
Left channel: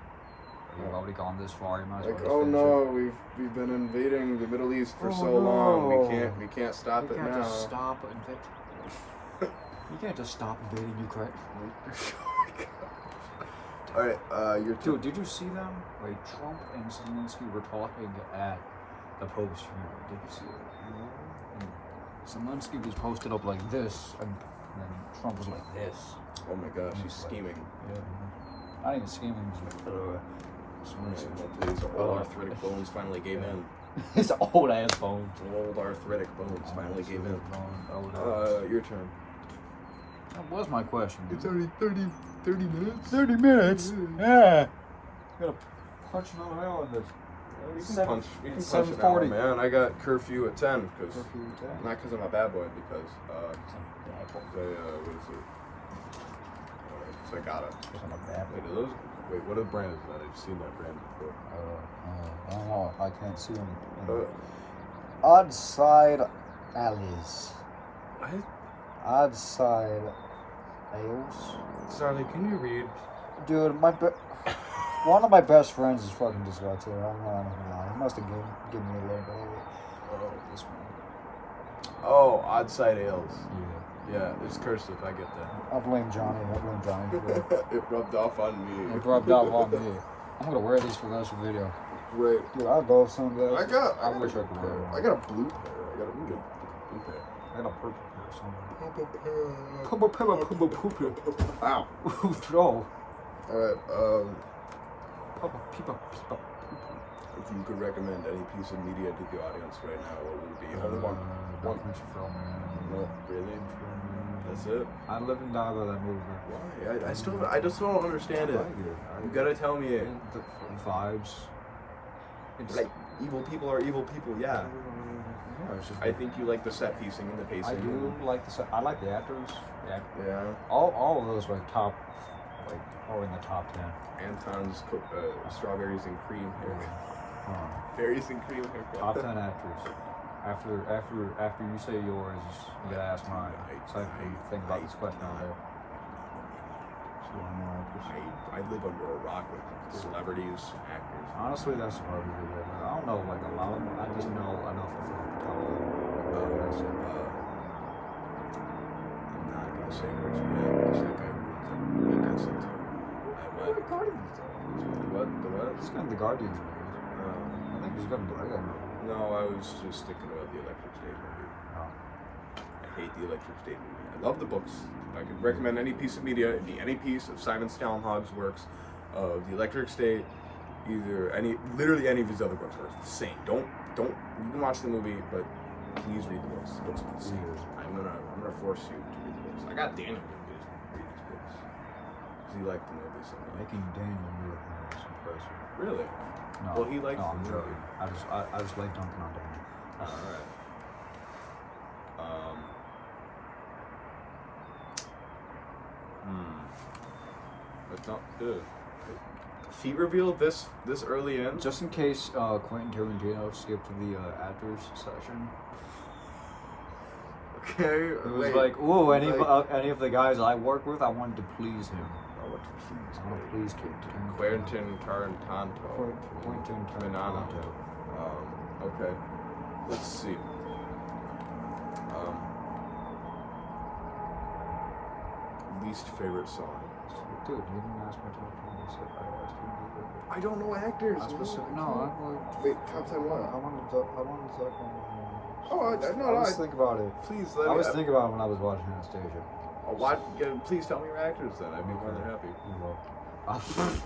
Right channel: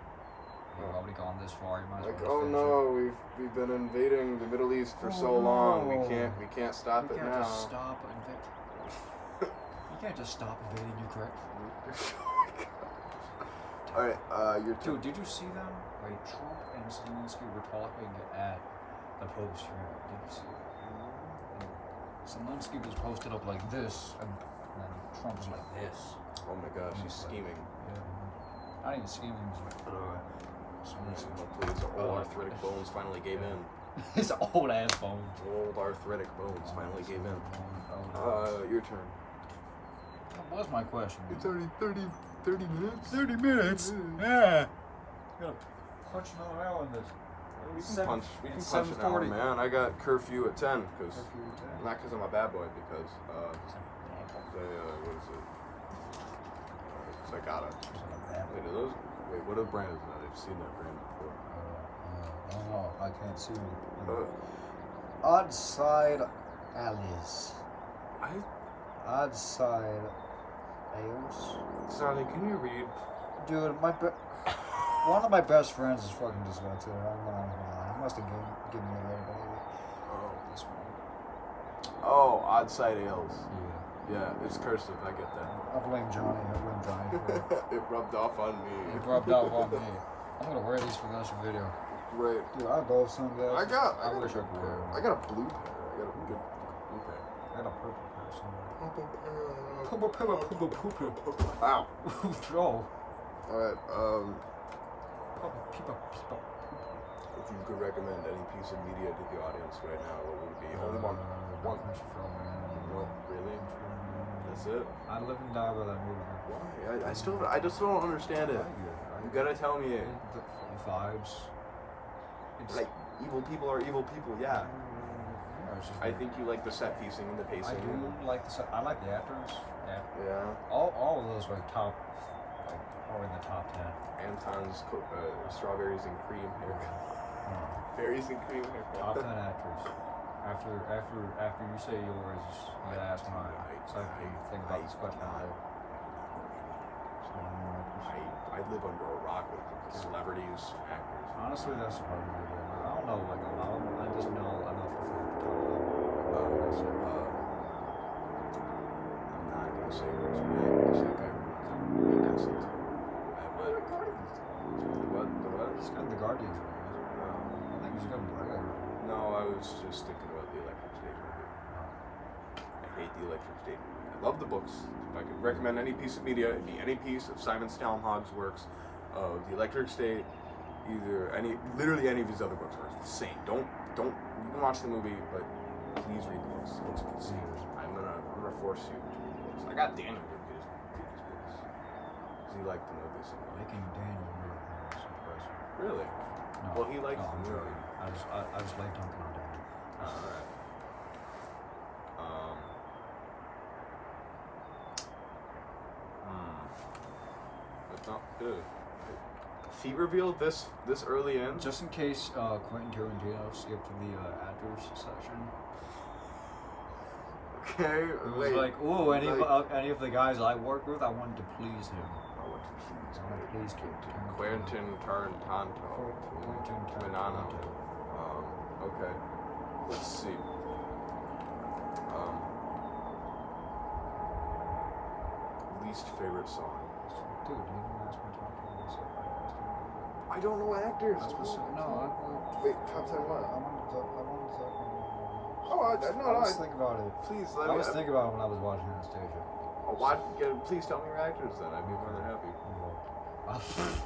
You've already gone this far. You might as well Like, just oh finish no, we've been invading the Middle East for Oh, so long. no. We can't stop it. You it can't now. just stop invading. You can't just stop invading Ukraine. All right, your Dude, did you see them? Like Trump and Zelensky were talking at the Pope's funeral. Did you see that? And Zelensky was posted up like this, and then Trump was like this. Oh my gosh, he's It's like- scheming. Yeah. Not even scheming. Just like, Hopefully his old arthritic bones finally gave in. His old ass phone. Old arthritic bones finally gave in. That Your turn. was my question. already 30 minutes. 30 minutes. Yeah. Gotta punch another hour in this. We It's can seven- punch. We can it's punch an hour, 7:40. man. I got curfew at 10 because Curfew at 10. not because I'm a bad boy, because what is it? Because I gotta. Because I'm a bad Wait, are those? Wait, what brand is that? I've seen that brand before. I don't know. I can't see them. Uh, Odd side alleys. what? Odd side ales. Sally, can you read? Dude, one of my best friends is fucking dyslexic. I'm not gonna lie. He must have given me a little bit of it. Oh. This one. Oh, odd side ales. Yeah. Yeah, it's cursive. I get that. I blame Johnny for it. It rubbed off on me. It rubbed off on me. I'm gonna wear these for the rest of the video. Great. Dude, I love sunglasses. I wish I could wear one. I got a blue pair. I got a good blue pair. I got a purple pair somewhere. Purple pair. Purple pair. Ow. Oh. Alright, Purple people. if you could recommend any piece of media to the audience right now, what would it be? Only one. One. No, really? That's it? I live and die by that movie. Why? I just don't understand it. You gotta tell me it. The vibes. It's Like, evil people are evil people, yeah. it's just I think you like the set piecing and the pacing. I do like I like the actors. Yeah. Yeah. All of those are top, like, are in the top 10. Anton's strawberries and cream hair. Uh, Berries and cream haircut. top 10 actors. After you say yours, you gotta ask mine. So how you think about this question all day. So one more actors. I live under a rock with celebrities and actors. Honestly, that's probably a good way. But I don't know like a lot of them. I just know enough to fill out the top 10. That's it. I'm not gonna say Chris Pratt because that guy ruins every movie he gets into. What? The Guardians, though. The what? He's got the Guardians movie. I think he's got the Lego movie. No, I was just thinking about the Electric State movie. Oh. I hate the Electric State movie. I love the books. If I could recommend any piece of media, it'd be any piece of Simon Stallhog's works, of the Electric State, literally any of his other books are the same. Don't. You can watch the movie, but please read the books. The books are the same. I'm gonna force you to read the books. I got Daniel to read his books because he liked the movie so much. Making Daniel Lewis is impressive. Really? No. Well, he likes No, I'm the movie. joking. I just like dunking on Daniel. All right. It's not good. Feet reveal this early in. Just in case Quentin Tarantino skipped to the actors section. Okay. It was like, ooh, any of the guys I work with, I wanted to please him. I want to please. I want to please Quentin Tarantino. Quentin Tarantino. Tarantino. Okay. Let's see. least favorite song? Dude, you didn't ask my top 10. I asked you to do it. I don't know actors. I specific, man. no, I'm like. Wait, top 10 what? I wanted to talk about my. Oh, I was thinking about it. Please I was thinking about it when I was watching Anastasia. Oh, why? Yeah, please tell me your actors then. I'd be more than happy. You're welcome.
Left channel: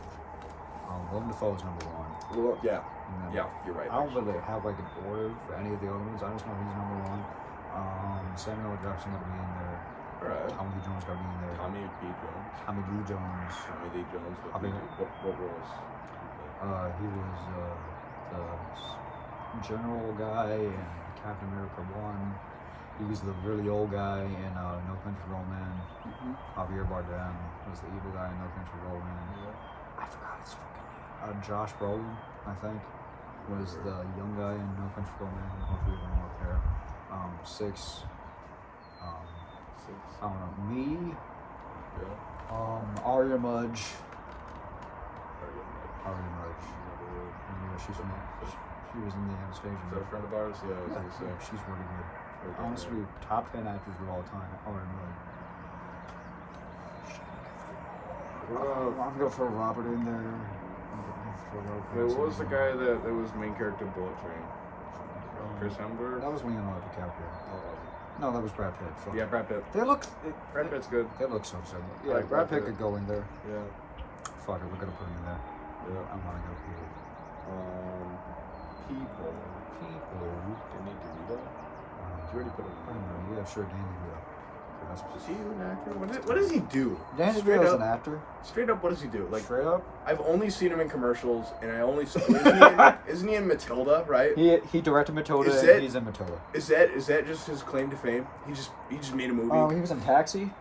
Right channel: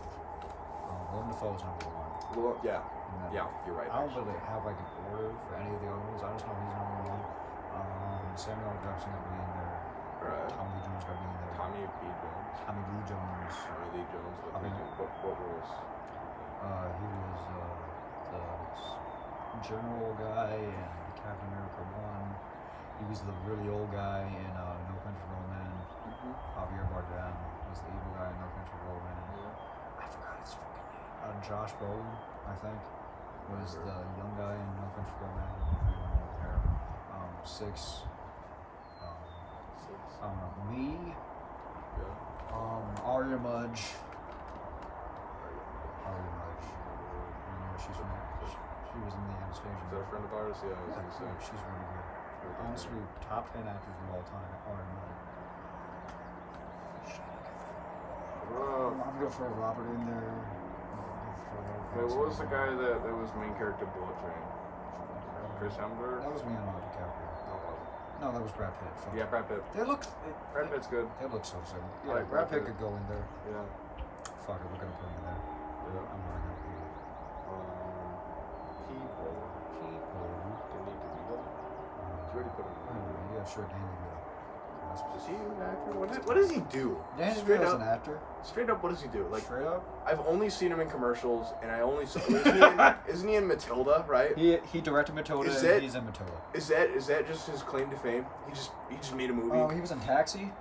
Willem Dafoe's number one. Well, yeah. And then Yeah, you're right. I don't really have like an order for any of the other ones. I just know he's number one. Samuel L. Jackson gotta be in there. Alright. Tommy Lee Jones gotta be in there. Tommy Lee Jones. Tommy Lee Jones. Tommy Lee Jones. I mean- What roles? He was the general guy in Captain America 1. He was the really old guy in No Country for Old Men. Mm-hmm. Javier Bardem was the evil guy in No Country for Old Men. Yeah. I forgot his fucking name. Josh Brolin, I think, was the young guy in No Country for Old Men. All three of them are up there. 6. Six. I don't know. Me. Yeah. Arya Mudge. Is Arya Mudge. And she's from that. She was in the Anastasia. that a movie. friend of ours? Yeah, I was Yeah, gonna say. she's really good. Very good, Honestly, top 10 actors of all time. Arya Mudge. I'm gonna throw Robert in there. Hey, what was the guy that was main character Bullet Train? Chris Hemsworth? That was Leonardo DiCaprio. No, it wasn't. No, that was Brad Pitt. Fuck. Yeah, Brad Pitt. They look. Brad Pitt's good. They look so similar. Yeah, Yeah, Brad Pitt Pitt. could go in there. Yeah. Fuck it, we're gonna put him in there. Yeah. I wanna go people. People. People. Do we need to do that? You already put him I in don't know. Yeah, sure, Danny DeVito. Is he an actor? What does he do? Danny Straight DeVito's up- an actor. Straight up, what does he do? Like, Straight up. I've only seen him in commercials, and I only isn't he in Matilda? Right? He directed Matilda. Is And it- he's in Matilda. Is that just his claim to fame? He just made a movie. He was in Taxi.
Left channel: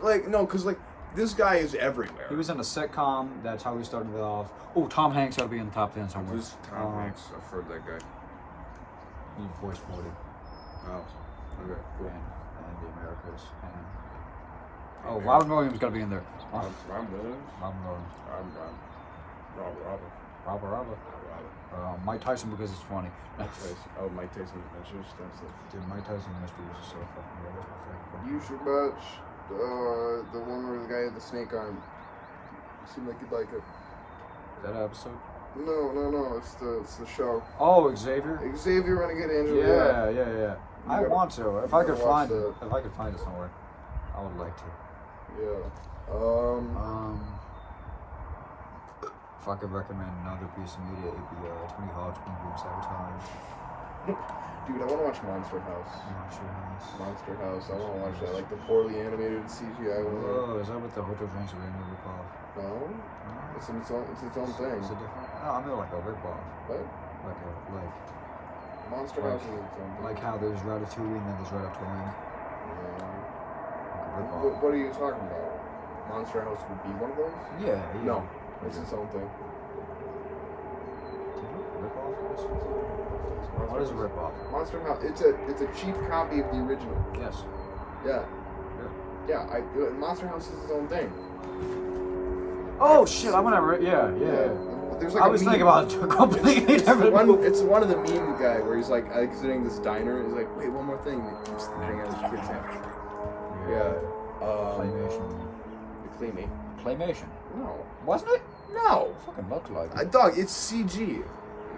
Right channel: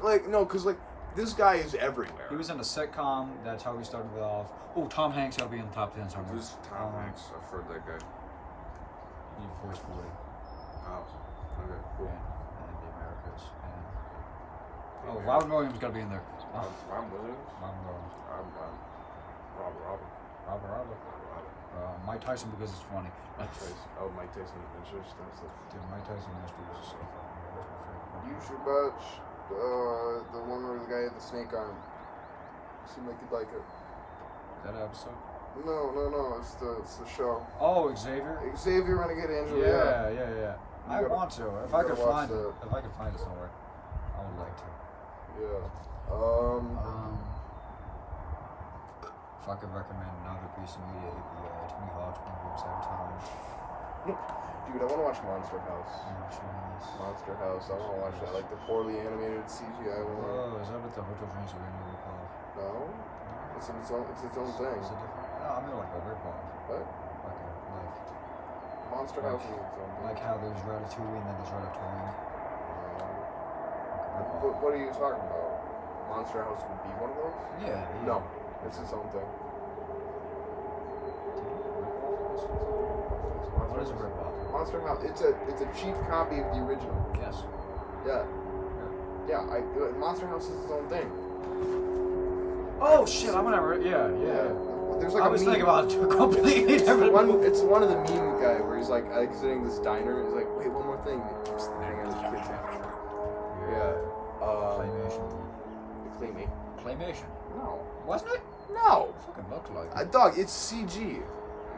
Like no, cause like this guy is everywhere. He was in a sitcom. That's how he started it off. Oh, Tom Hanks ought to be in the top 10 somewhere. Who's Tom Hanks? I've heard that guy. He voiced 40. Oh, okay, cool. And the Americas. And Robin Williams got to be in there. Rob Williams. Robin Williams. Robert. Mike Tyson because it's funny. Mike Tyson. Oh, Mike Tyson Adventures. That's it. Dude, Mike Tyson Mysteries is so fucking good. It's my favorite thing. You should watch the one where the guy had the snake arm. You seem like you'd like it. Is that an episode? No. It's the show. Oh, Xavier. Xavier Renegade Angel. Yeah. I gotta- want to. If you I could gotta watch find it, if I could find it somewhere, I would like to. Yeah. If I could recommend another piece of media, it'd be Tony Hawk's movie Sabotage. Dude, I want to watch Monster House. Monster House. Monster House. I want to watch that. Like the poorly animated CGI one. Oh, is that with the Hotel Transylvania ripoff? No. It's its own thing. Is it different? No, I mean like a ripoff. What? Like Monster Like- House is its own thing. like how there's Ratatouille and then there's Ratatouille. No. Like a ripoff. What are you talking about? Monster House would be one of those? Yeah. No. It's its own thing. Ripoff? What is a ripoff? Monster House. It's a cheap copy of the original. Yes. Yeah. Yeah. Yeah. Monster House is its own thing. Oh shit! I'm gonna. Yeah. There's like I a was meme. thinking about a completely It's different one. movie. It's one of the meme guy where he's like exiting this diner. He's like, wait, one more thing. He keeps throwing out his kids hat. Yeah. Claymation. Claymate. Claymation. No. Wasn't it? No. It fucking looked like it. Dog. It's CG.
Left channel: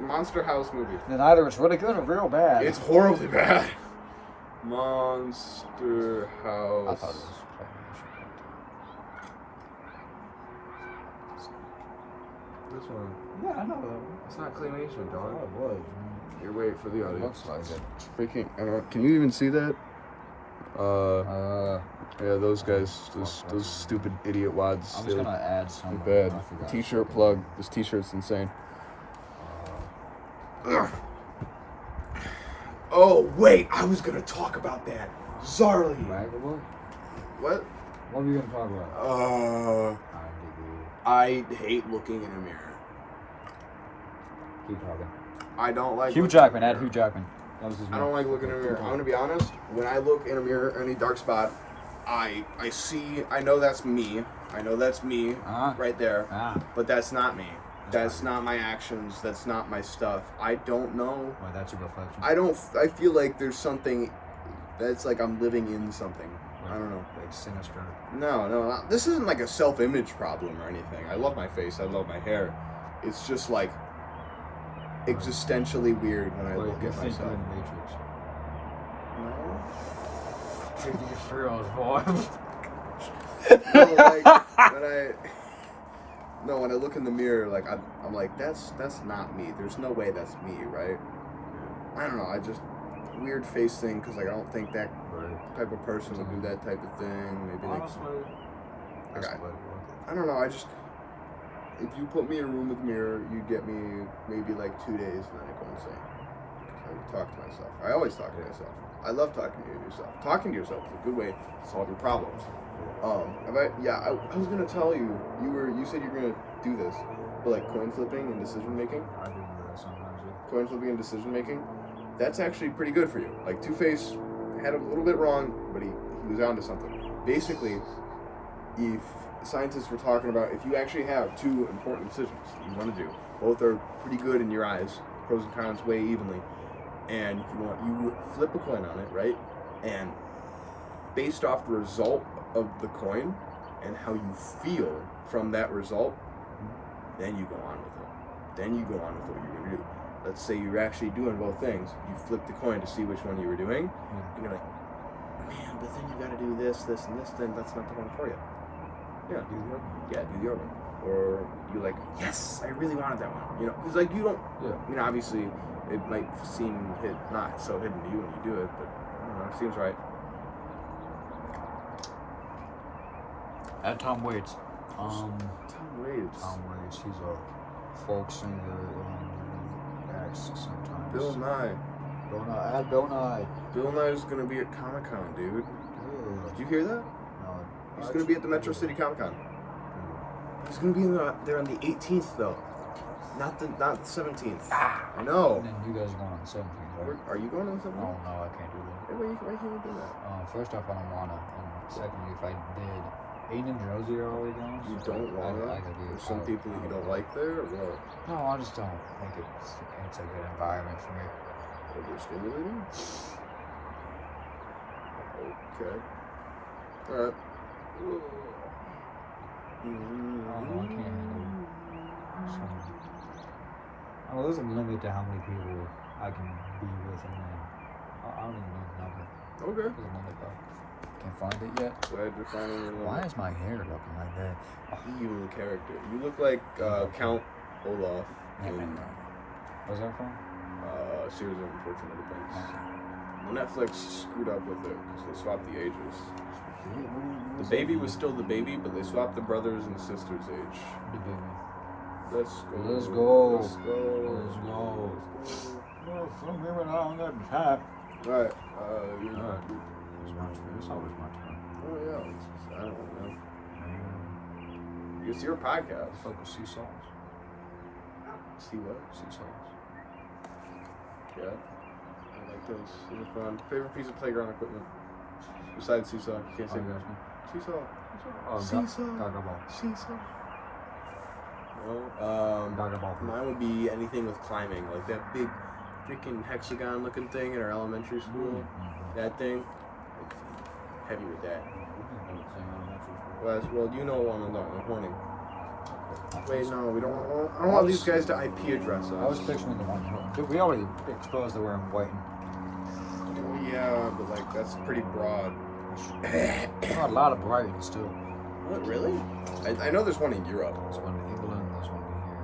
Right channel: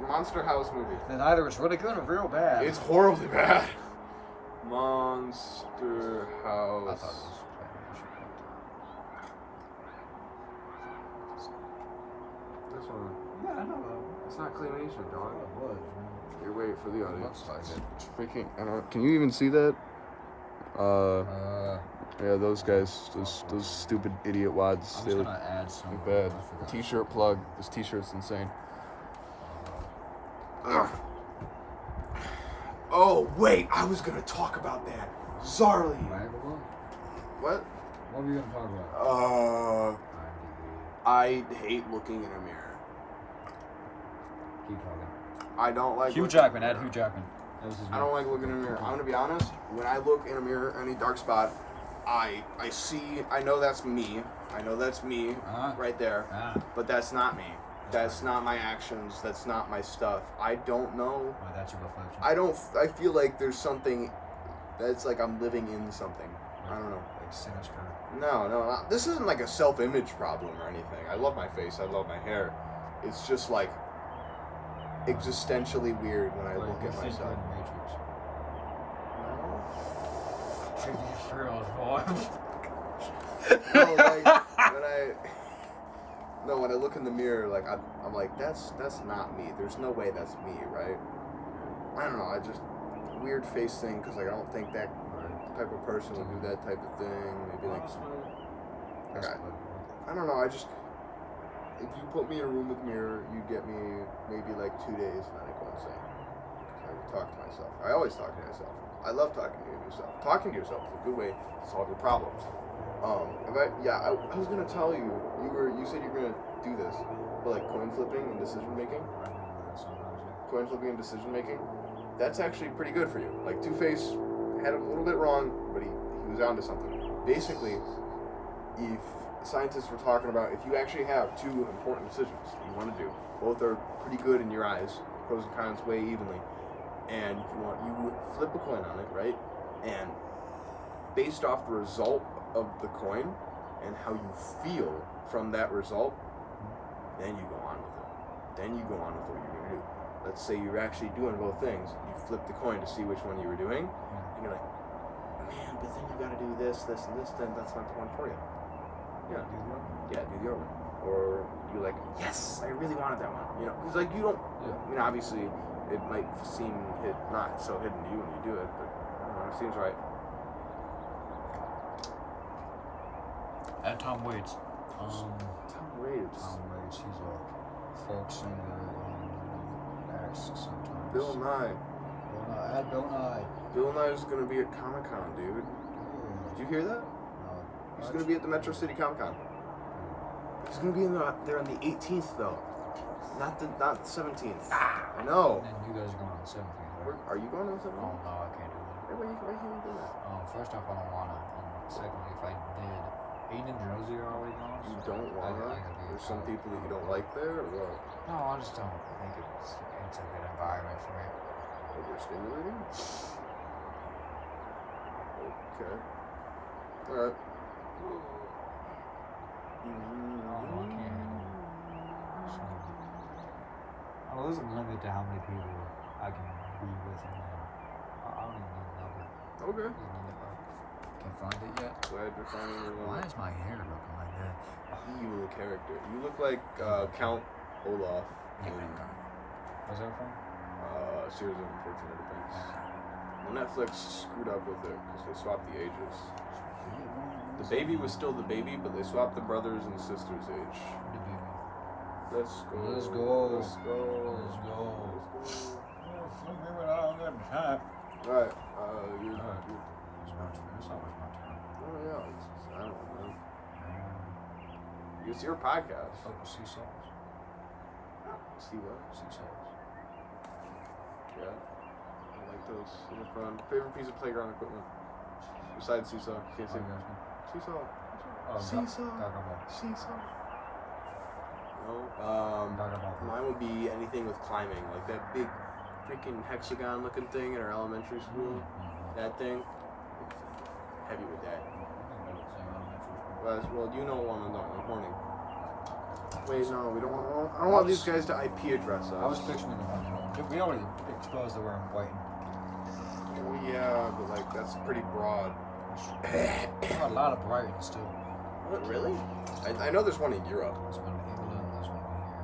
Monster House movie. Then either it's really good or real bad. It's horribly bad. Monster House. I thought it was claymation. This one. Yeah, I know that one. It's not claymation, I thought it was, man. You're waiting for the It audience. looks like it. It's freaking. I don't know. Can you even see that? Yeah, those guys, those stupid idiot wads. I'm They're just gonna add some. bad. T-shirt plug. This T-shirt's insane. Oh wait, I was gonna talk about that. Zarly. Right? What? What are we gonna talk about? IMDb. I hate looking in a mirror. Keep talking. I don't like. Hugh looking- Jackman. Add Hugh Jackman. That was his I don't like looking in a mirror. I'm gonna be honest. When I look in a mirror, any dark spot, I see. I know that's me. I know that's me Uh-huh. right there. Ah. But that's not me. That's not not my actions. That's not my stuff. I don't know. Well, that's your reflection. I don't. I feel like there's something that's like I'm living in something. I don't know. Like sinister. No, this isn't like a self-image problem or anything. I love my face. I love my hair. It's just like existentially weird when I Like, look you at think you're myself. in the Matrix. No. Take these thrills, boy. No, like when I look in the mirror, like I'm like that's not me. There's no way that's me, right? I don't know. I just weird face thing because like I don't think that Right. type of person would do that type of thing. Maybe like Honestly, that's Okay. political. I don't know. I just if you put me in a room with a mirror, you get me maybe like 2 days, and then I go insane. I talk to myself. I always talk to myself. I love talking to yourself. Talking to yourself is a good way to solve your problems. I was gonna tell you. You said you're gonna do this, but like coin flipping and decision making. I do that sometimes. Yeah. Coin flipping and decision making. That's actually pretty good for you. Like Two-Face had a little bit wrong, but he was onto something. Basically, if scientists were talking about if you actually have two important decisions that you want to do, both are pretty good in your eyes, pros and cons weigh evenly, and if you flip a coin on it, right? And based off the result of the coin and how you feel from that result, then you go on with it. Then you go on with what you're gonna do. Let's say you're actually doing both things. You flip the coin to see which one you were doing. Mm-hmm. You're like, man, but then you gotta do this, this, and this. Then that's not the one for you. Yeah, do your one. Or you're like, yes, I really wanted that one. You know, because like you don't. Yeah. I mean, obviously, it might seem not so hidden to you when you do it, but I don't know. It seems right. At Tom Waits. Tom Waits. Tom Waits. He's a folk singer and he acts sometimes. Bill Nye. Bill Nye. Add Bill Nye. Bill Nye's gonna be at Comic-Con, dude. Did you hear that? No. He's gonna be at the Metro City Comic-Con. He's gonna be there on the 18th though, not the 17th. Ah! I know. And then you guys are going on the 17th, right? Are you going on the 17th? Oh, no, I can't do that. Hey, why can't you do that? First off, I don't wanna, and secondly, if I did, Aiden and Josie are already going. You so don't want to? I gotta be. There's some people that you don't like there, or what? No, I just don't think it's a good environment for me. Overstimulating? Okay. Alright. I don't know, I can't handle some. Oh, there's a limit to how many people I can be with, and then I don't even know the number. Okay. There's a limit though. Can't find it yet. Glad you're finding your Why is my hair looking like that? evil character? You look like Count Olaf in Where's that from? Series of Unfortunate Events. Well, Netflix screwed up with it because they swapped the ages. The baby was still the baby, but they swapped the brothers and sisters' age. The baby. Let's go. Let's go. Let's go. Let's go. Let's go. Well, some women I don't have time. Alright, It's always my turn. oh yeah, I don't know. It's your podcast. Focus sea salts. See what? Sea salts. Yeah. I like those. Those are fun. Favorite piece of playground equipment? Besides seesaw. You can't say that. Seesaw. Oh, Seesaw. Gaga ball. Seesaw. No. Gaga ball. Mine would be anything with climbing, like that big freaking hexagon looking thing in our elementary school. That thing. Heavy with that. Well, you know one on Horning. Wait, no, we don't want. I don't want these guys to IP address us. I was picturing the one. We already exposed that we're in white. Well, yeah, but like that's pretty broad. A lot of brighting still. What, really? I know there's one in Europe. There's one in England, there's one in here,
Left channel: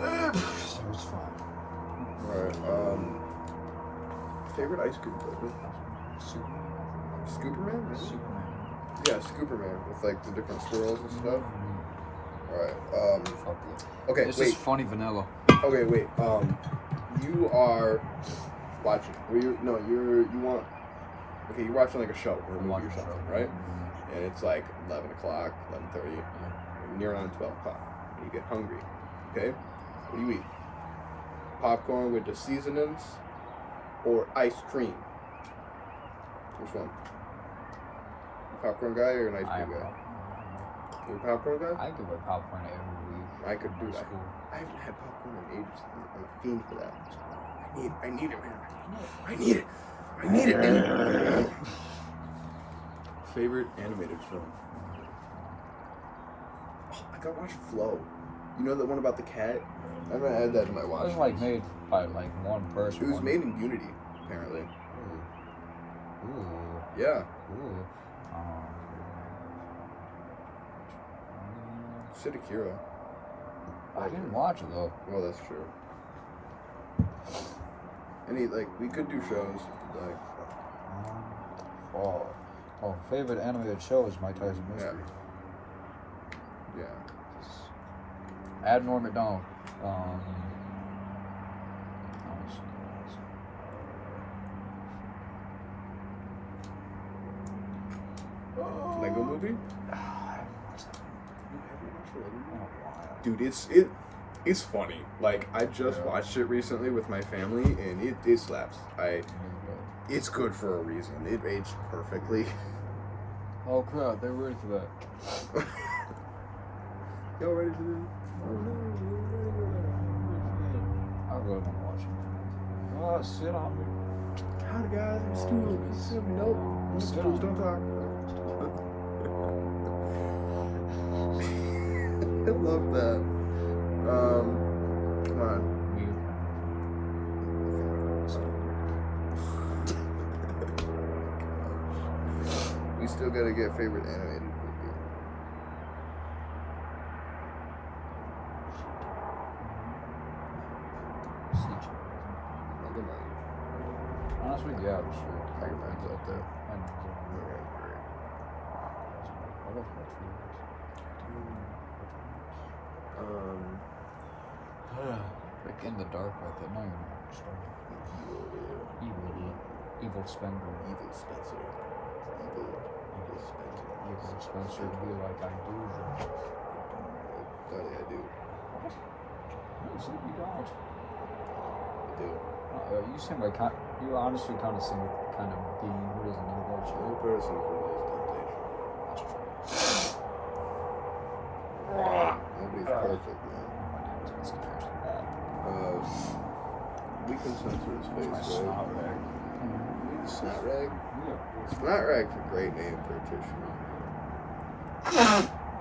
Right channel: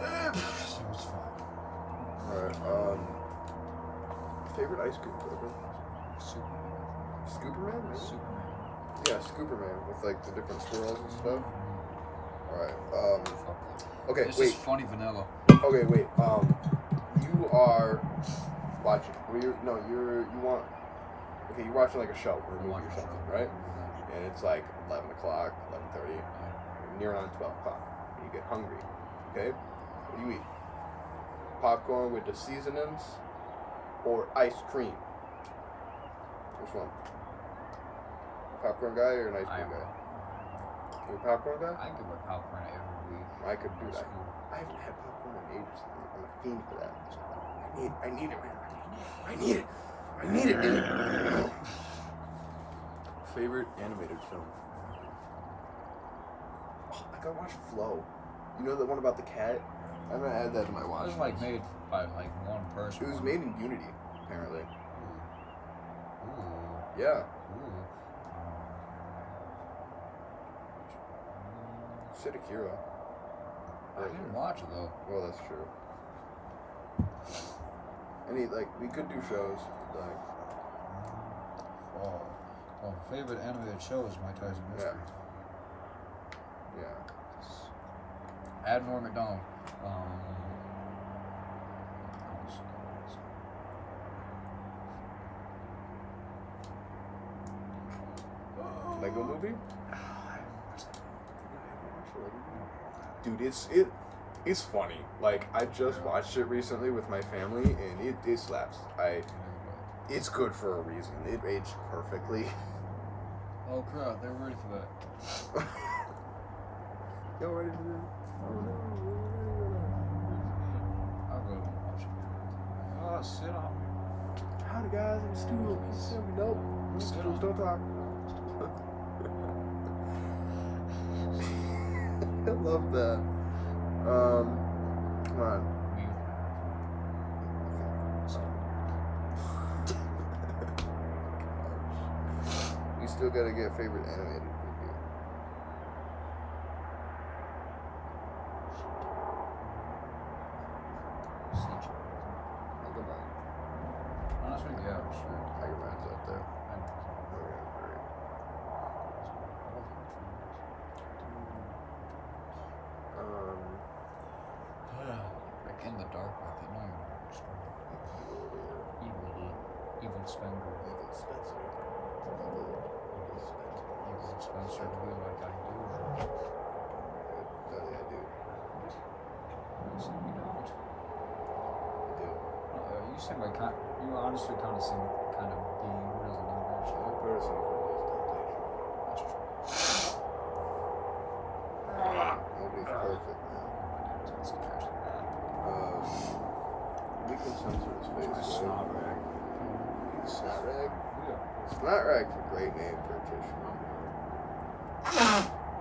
everywhere. So it's fine. Alright, favorite ice cream flavor? Superman. Scooperman? Really? Superman. Yeah, Scooperman with like the different swirls and stuff. Alright, okay, It's wait. just funny vanilla. Okay, wait. You are watching. Well, you want. Okay, you're watching like a show or a I'm movie watching or the something, show. right? And it's like 11 o'clock, 11:30, near on 12 o'clock. And you get hungry. Okay, what do you eat? Popcorn with the seasonings, or ice cream? Which one? You popcorn guy or an ice cream guy? You a popcorn guy? I give away popcorn every week. I could do in that. school. I haven't had popcorn in ages. I'm a fiend for that. I need it, man. I need it. I made it. Favorite animated film? Oh, I gotta watch Flow. You know that one about the cat? I'm gonna add that to my It watch. was like made by like one person. It was one- made in Unity, apparently. Ooh. Ooh. Yeah. Ooh. Sid Akira. I didn't watch it though. Well, that's true. Any like we could do shows. Like Favorite animated show is Mike Tyson Mysteries. yeah. Add Norm Macdonald. Lego movie? I haven't watched that in a while. Dude, it's funny. Like I just Yeah. watched it recently with my family, and it slaps. It's good for a reason. It aged perfectly. Oh crap, they're ready for that. Y'all ready for this? Oh no. I really want to watch it again. Oh, sit on me. Howdy guys, I'm Stu. He's sitting up. Sit Don't on. talk. I love that. Come on. Me with my girlfriend. We still gotta get favorite animated movie. Megamind. Honestly, yeah, sure. Megamind's up there. I know. Megamind's great. I love Cartoons. Like in the dark, like that. No, you're not. Evil Spender. Evil Spencer. Evil Spencer. Evil Spencer be like, I do. Daddy, I do. What? What you said you don't? I do. You seem like you honestly kind of seem like kind of being who doesn't need that shit. No person can lose temptation. That's true. Nobody's perfect, man. Oh my God, it's scared. We can censor his face. My right? snot rag. Snot rag? Yeah. Snot rag's a great name for a tissue.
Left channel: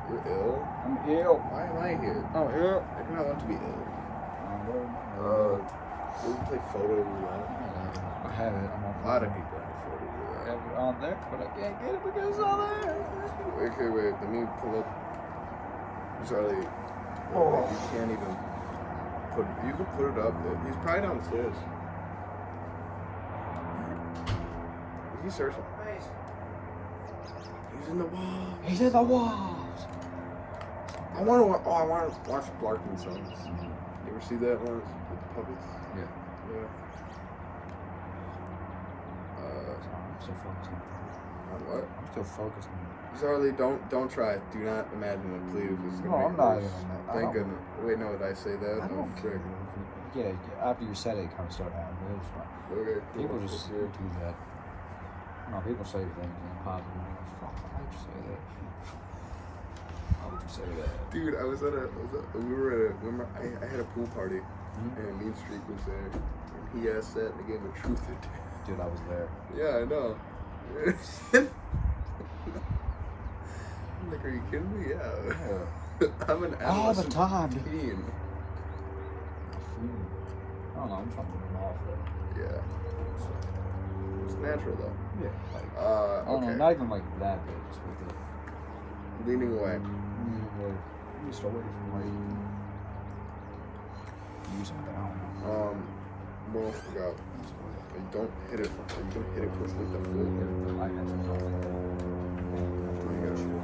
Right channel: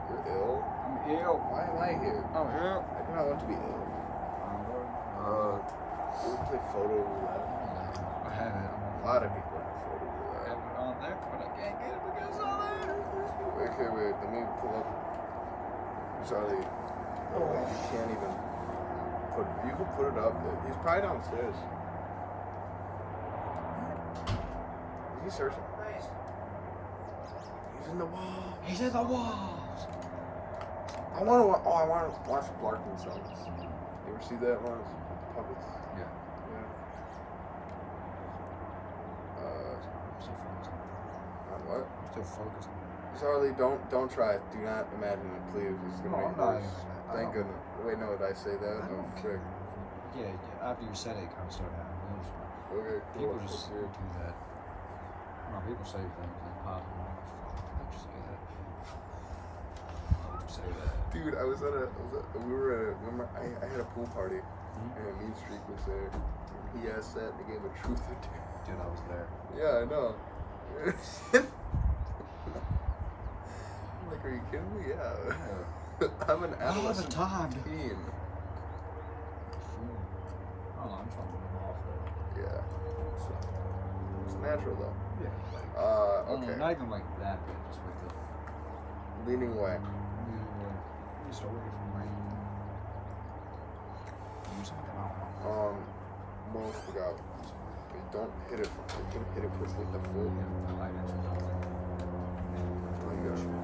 You're ill? I'm ill. Why am I here? I'm ill. I do not want to be ill. I'm good. You ever play photo roulette? I have it. I'm on A lot of people have photo I roulette. have it on there, but I can't get it because it's on there. Okay, wait. Let me pull up. Charlie. Oh. You can't even put. You can put it up. He's probably downstairs. Is he searching? He's in the wall. He's in the walls. I want to. Oh, I want to watch Barking Sons. You ever see that one with the puppets? Yeah. Yeah. I'm still focused On what? I'm still focused on Charlie, don't try it. Do not imagine it, please. It's No, gonna I'm make not worse. even I Thank don't- goodness. Wait, no, did I say that? I Oh, don't frick. care. Yeah, after you said it, it kind of started happening. It's fine. Okay, cool. People just That's do good. that. I don't know, people say things and it pops and I'm like, fuck, why'd you say that? Why would you say that? Dude, we were at I had a pool party and Mean Streak was there. He asked that in the game of Truth or Dare. Dude, I was there. Yeah, I know. I'm like, are you kidding me? Yeah. I'm an All the adolescent time, dude. teen. I don't know, I'm trying to move off that. Yeah. It's natural though. Yeah, like, I Okay. don't know, not even like that big, just like the, Leaning away. like, just away from like, using it, I don't know. We'll go. And don't hit it. You can hit it with the foot. I actually don't think that shit.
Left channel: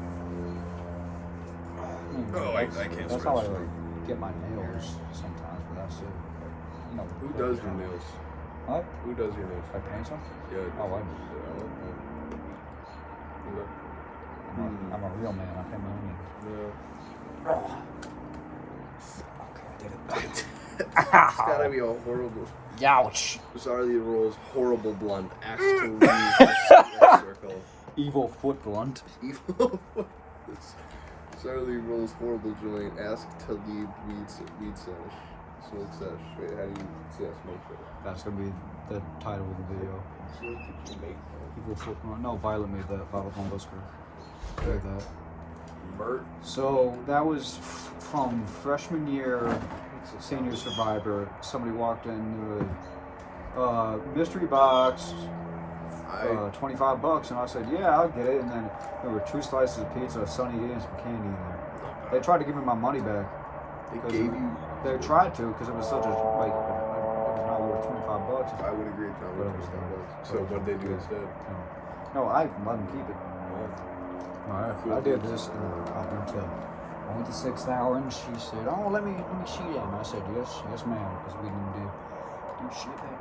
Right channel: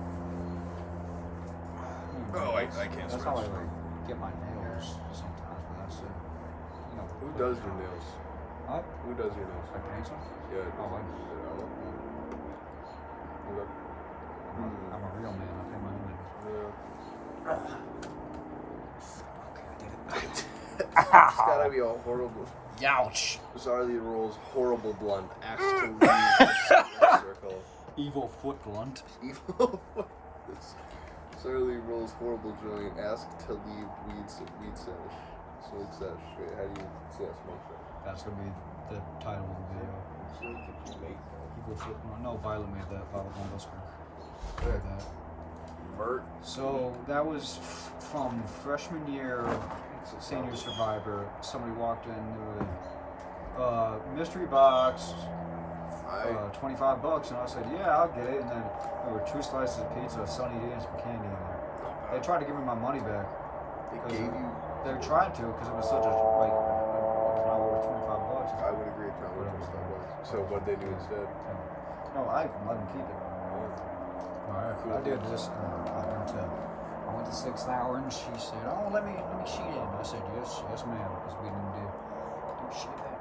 Oh, I can't That's how I scratch like get my nails sometimes, but that's it. Like, you know, Who does your nails? What? Who does your nails? I paint them? Yeah. Oh, I do. Okay. I'm a real man. I paint my own nails. Yeah. Okay, I did it. It's gotta be a horrible. Youch. Bizarrely rolls horrible blunt. Asks to leave the circle. Evil foot blunt. Evil. Bizarrely rolls horrible joint. Asked to leave weed sandwich Smoke sesh. Wait, how do you say a smoke sesh? That's gonna be the title of the video. Did you make that? People flipping on. No, Violet made that. Violet Von Busker made that. Mert. So that was from freshman year, senior survivor. Somebody walked in, they were like, mystery box, $25, and I said, yeah, I'll get it. And then there were 2 slices of pizza, a Sunny D, and some candy in there. They tried to give me my money back. They gave you. They tried to because it was such a like it was not worth $25. I would agree with But Tom. it was So what did they do instead? No, I let them keep it. Oh, Alright, I did this, and then I went to 6th hour, and she said, "Oh, let me see that." And I said, "Yes, ma'am," because we didn't do shit that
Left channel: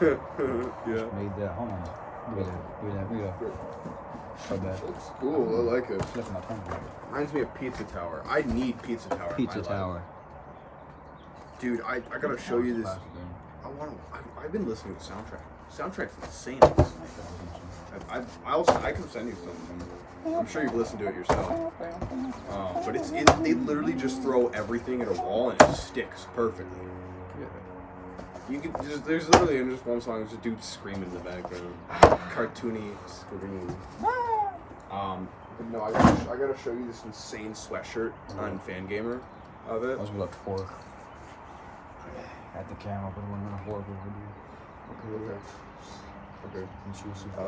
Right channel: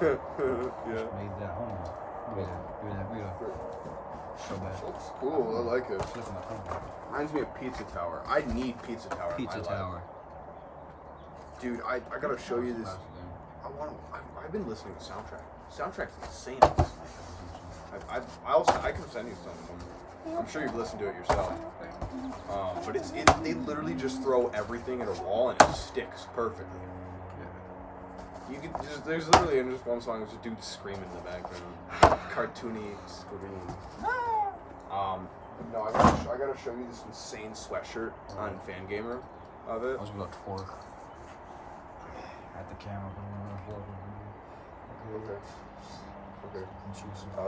day. yeah. Made that. Hold on. We gotta show that. Looks cool. I like it. Look at my tongue. Reminds me of Pizza Tower. I need Pizza Tower. in Pizza my life. Tower. Dude, I gotta show you this. Classic, I've been listening to soundtrack. Soundtrack's insane. I can send you some. I'm sure you've listened to it yourself. But they literally just throw everything at a wall and it sticks perfectly. Yeah. You could there's literally in just one song there's a dude screaming in the background, cartoony scream. But no, I gotta show you this insane sweatshirt on Fangamer of it. I was gonna twerk at the camera, but it wasn't a horrible idea. Okay. Intrusive. I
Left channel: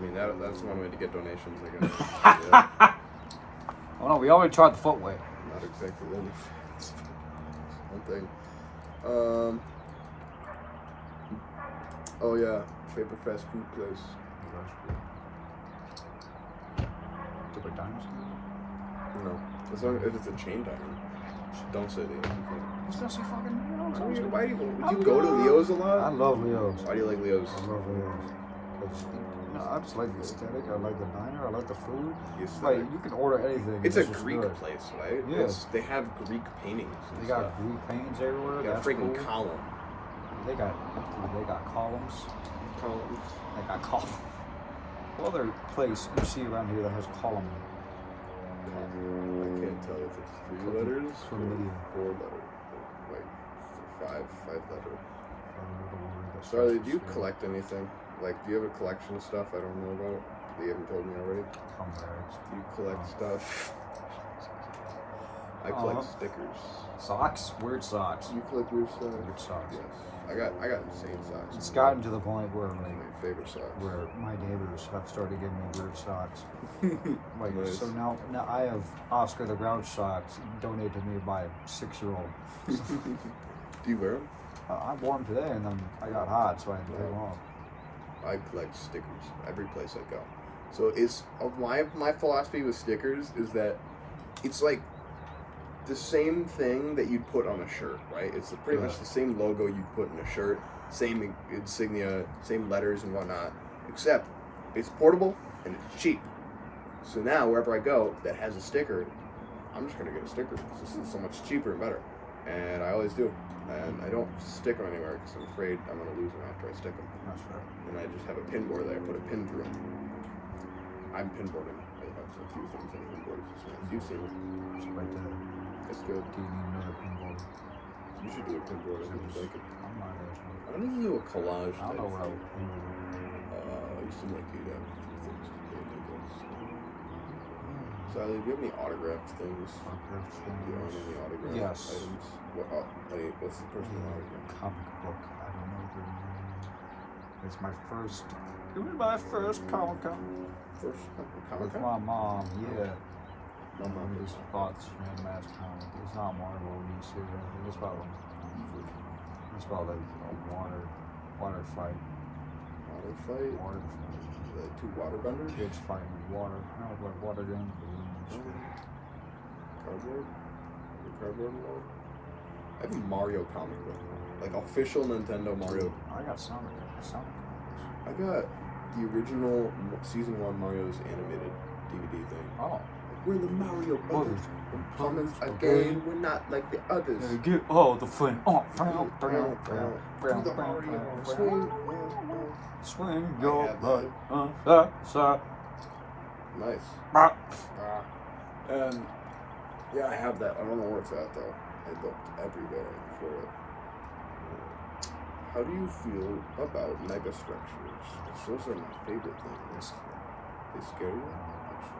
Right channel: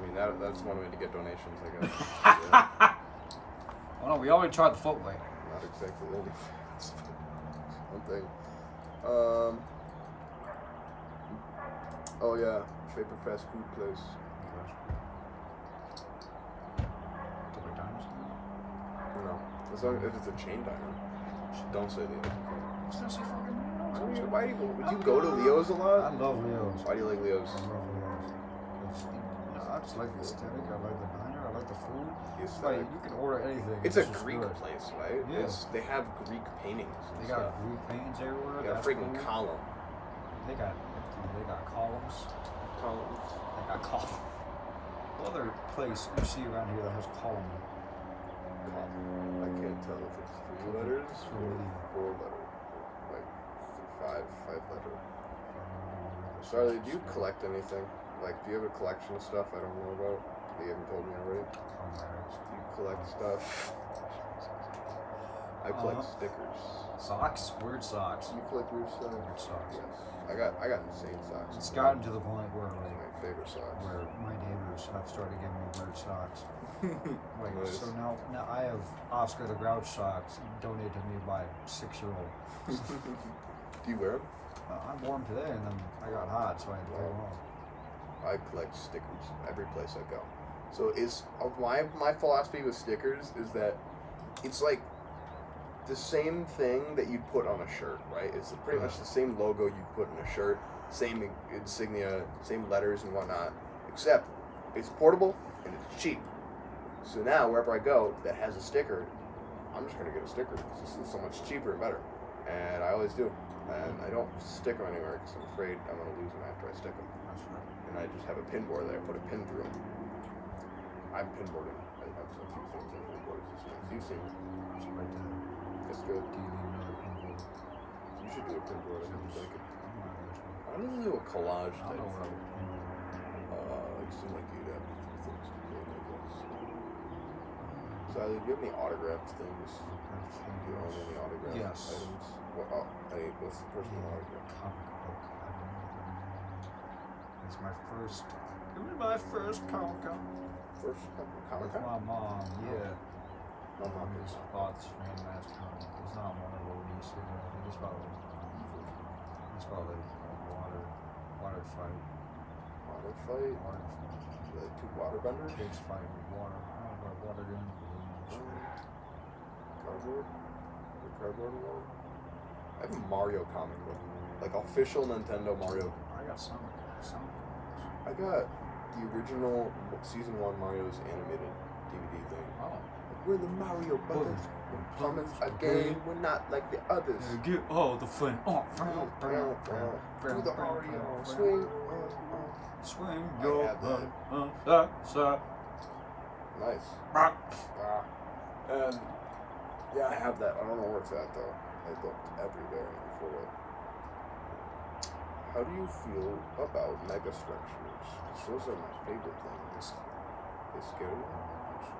mean that's one way to get donations, I guess. Yeah, Oh no, we already tried the footway. not exactly only something. Oh yeah, favorite fast food place. Different dinosaur. No, as long as it's a chain diner. Don't say Leo's. I was gonna say fucking Leo's. Why do you go to Leo's a lot? I love Leo's. Why do you like Leo's? I love Leo's. I just like the aesthetic. I like the diner. I like the food. The It's like aesthetic. you can order anything. It's and a just Greek good. place, right? Yeah. They have Greek paintings and They stuff. got Greek paintings everywhere. They got a That's freaking cool. column. They got columns. Columns. They got columns. What other place you see around here that has column in it? I can't tell if it's 3 Could be letters or familiar. 4 letters. Like 5 letter. I don't know the word that's Charlie, do you specific. collect anything? Like, do you have a collection of stuff I don't know about that you haven't told me already? Comrades. Do you collect Oh. stuff? I collect Uh-huh. stickers. Socks? Weird socks. Do you collect weird stuff? Weird socks. Yes. I got insane socks. It's gotten to the point where my like favorite socks. where my neighbors have started giving me weird socks. Like Nice. so now I have Oscar the Grouch socks donated to me by a 6-year-old. Do you wear them? I wore them today and then I got hot, so I had to take them off. I collect stickers every place I go. So it's my philosophy with stickers is that it's like the same thing that you'd put on a shirt, right? It's pretty much the same logo you put in a shirt, same insignia, same letters and whatnot, except it's portable and it's cheap. So now wherever I go that has a sticker, I'm just gonna get a sticker because this is so much cheaper and better, and I always do. And I don't stick them anywhere because I'm afraid I'm gonna lose them after I stick them. That's right. And I just have a pin board that I put a pin through them. I'm pinboarding. I have a few things on pinboards. It's nice. You've seen it. It's right there. That's good. Do you need another pinball? You should do a pinboard. I think like it. I'm not actually. I want to do a collage. I don't know where I would pinball. You seem like you got a few things to do, I guess. Sally, do you have any autographed things? Do you own any autographed Yes. items? What's the person that owns it? Comic book. I don't know their name. It's my first. It was my first Comic Con. First Comic With Con? my mom, yeah. My mom just did not. bought this random ass comic. It's not Marvel when you see it. It's about like a water fight. Water fight? Water fight. The 2 water benders? Kids fighting with water. No, but water guns, balloons. Cardboard? The cardboard involved? I have a Mario comic book. Like official Nintendo Mario. I got Sonic comics. I got the original season 1 Mario's animated DVD thing. Oh. Like, we're the Mario Brothers. We're coming Okay. again. We're not like the others. Yeah, get all the fun. Oh, Do the Mario swing. Swing I your have butt. Sir. Nice. Ah. And yeah, I have that. I don't know where it's at though. I looked everywhere and for it. How do you feel about megastructures? Because those are my favorite things. They scare you?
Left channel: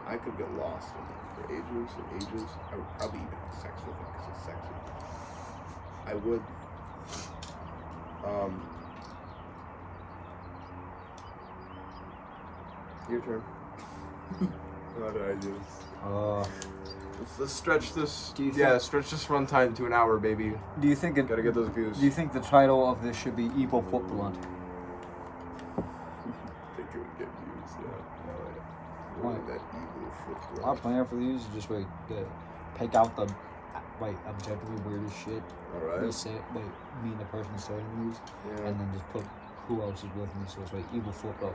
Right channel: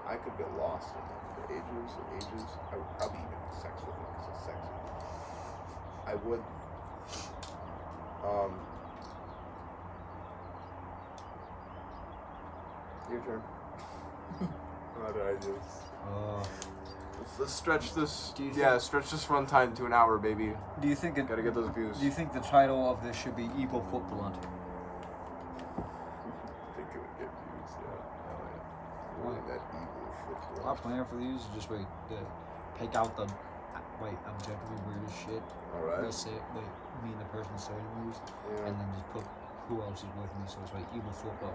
I could get lost in them for ages and ages. I would probably even have sex with them because it's sexy. I would. Your turn. What do I do? Uh, Let's stretch this. Do you Stretch this runtime to an hour, baby. do you think Gotta get those views. Do you think the title of this should be Evil Foot Blunt? I think it would get views, yeah. Why? That evil foot Our plan for these is just pick out the objectively weirdest shit. We Alright. say me and the person saying these, Yeah. and then just put who else is with me. So it's Evil Foot Blunt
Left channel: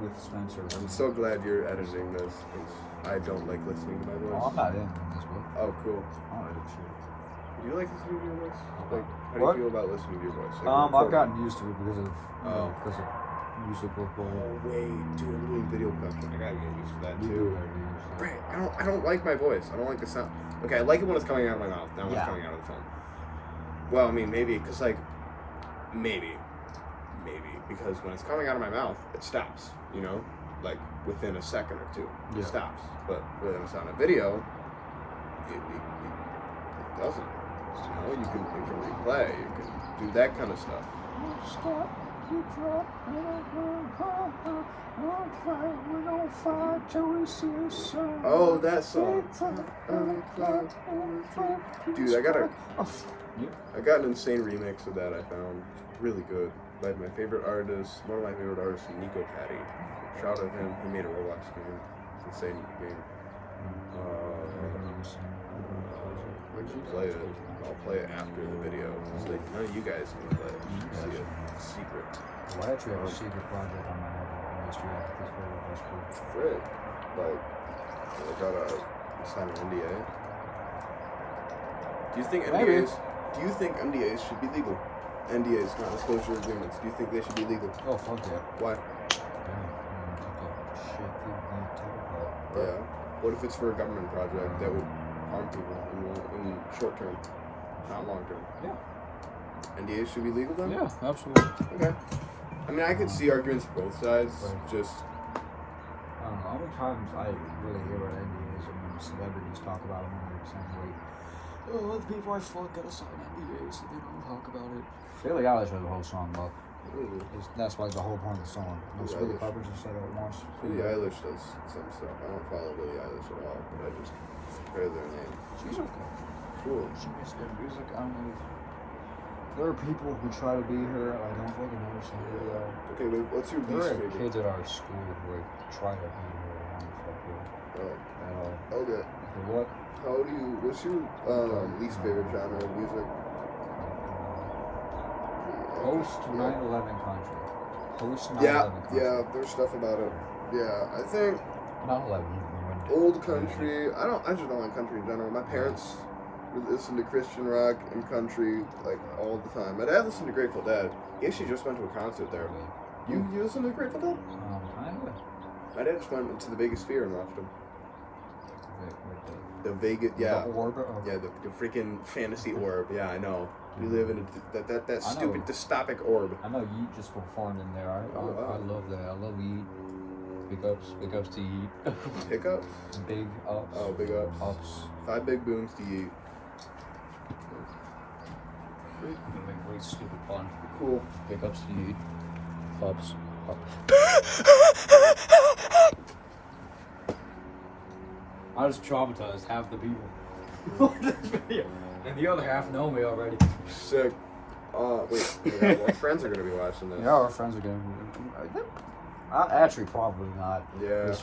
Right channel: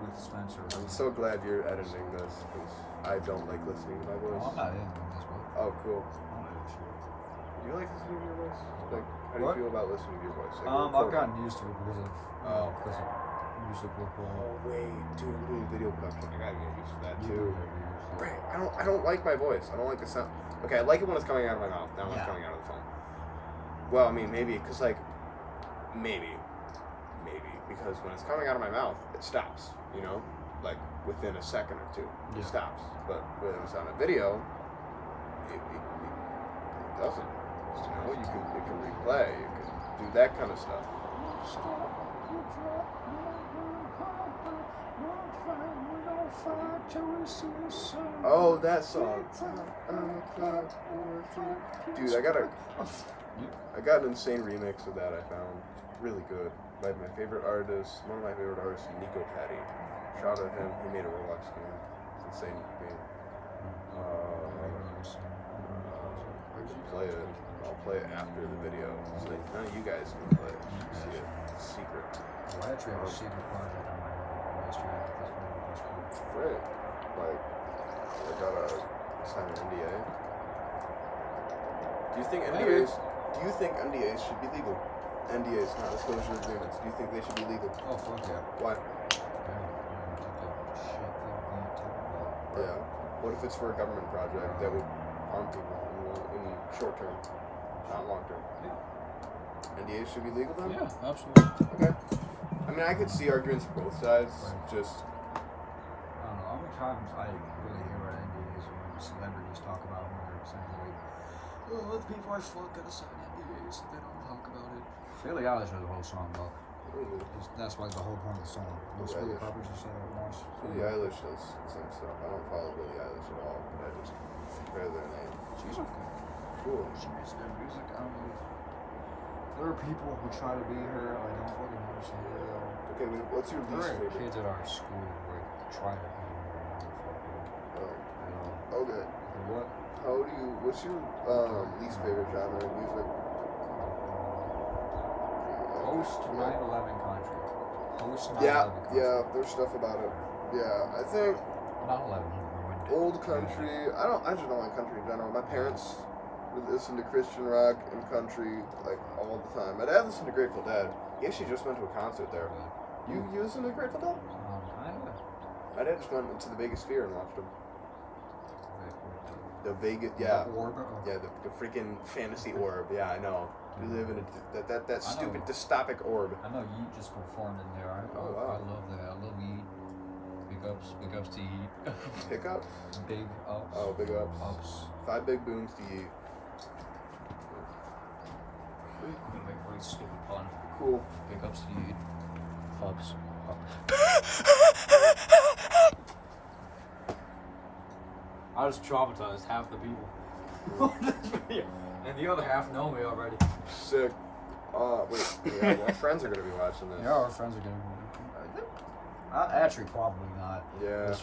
with Spencer. I'm so glad you're editing this because I don't like listening to my voice. Oh, I'm not in this one. Oh, cool. I don't edit shit. Do you like listening to your voice? Okay. Like, how do What? you feel about listening to your voice? Like, I've recording? gotten used to it because of Oh. because of music recording. Oh wait, dude, I'm doing video production. I gotta get used to that You too. do whatever you do. Great. I don't like my voice. I don't like the sound. Okay, I like it when it's coming out of my mouth, not when Yeah. it's coming out of the phone. Well, I mean, maybe because maybe because when it's coming out of my mouth, it stops. You know, like within a second or two, Yeah. it stops. But when it's on a video, it doesn't. You know, you can replay, you can do that kind of stuff. Stop, you drop, Oh, that song. Dude, I got an insane remix of that I found. Really good. By my favorite artist, one of my favorite artists, Nico Patty. Shout out to him. He made a Roblox game. It's an insane game. Play it. I'll play it after the video. So none of you guys can play. See it. Secret. Well, I actually have a secret project on my ministry after this video. That's cool. It's great. But I gotta sign an NDA. Do you think Maybe. NDAs should be legal? NDAs, not disclosure agreements. Do you think they should be legal? Oh, fuck yeah. Why? Yeah. Shit people can't tell about. Yeah. What if it's for a government project that would harm people in short term, not long term? Yeah. NDAs should be legal then? Yeah, absolutely. Okay. I mean, I could see arguments both sides. Right. Just, I don't know how many times I really hear about NDAs and when celebrities talk about them when they're saying oh, the people I fuck gotta sign NDAs so they don't talk about it. Billie Eilish has a whole song about. really. That's like the whole point of the song. Billie Sabrina Eilish. Carpenter just said that once. Billie Eilish does some stuff. I don't follow Billie Eilish at all, but I just heard their name. She's okay. Cool. She makes good music. I don't know. There are people who try to be her. I don't fucking understand it at all. Okay, wait, what's your There least are favorite? kids at our school who try to be her, and I don't fuck with it Oh, at all. okay. Okay, what? What's your least favorite genre of music? Post 9/11 country. Post 9/11 Yeah, country. yeah, there's stuff about it. Yeah, I think 9/11 ruined old music. country. I just don't like country in general. My parents would listen to Christian rock and country like all the time. My dad listened to Grateful Dead. He actually just went to a concert there. Good. You listen to Grateful Dead? Kinda. My dad just went to the Vegas Sphere and watched them. Like The Vegas, yeah, the orb. Okay. yeah, the freaking fantasy orb. Yeah, I know. You live in that I know. stupid dystopic orb. I know Yeet just performed in there. I wow. love that. I love Yeet. Big ups to Yeet. Pickups. Big ups. Oh, big ups. Ups. 5 big booms to eat. I'm gonna make a really stupid pun. Cool. Big ups to Yeet. Ups. Up. I was traumatized half the people on this video, and the other half know me already. Sick. Wait. Yeah, well, friends are gonna be watching this. Yeah, our friends are gonna be. Actually, probably not. Yeah.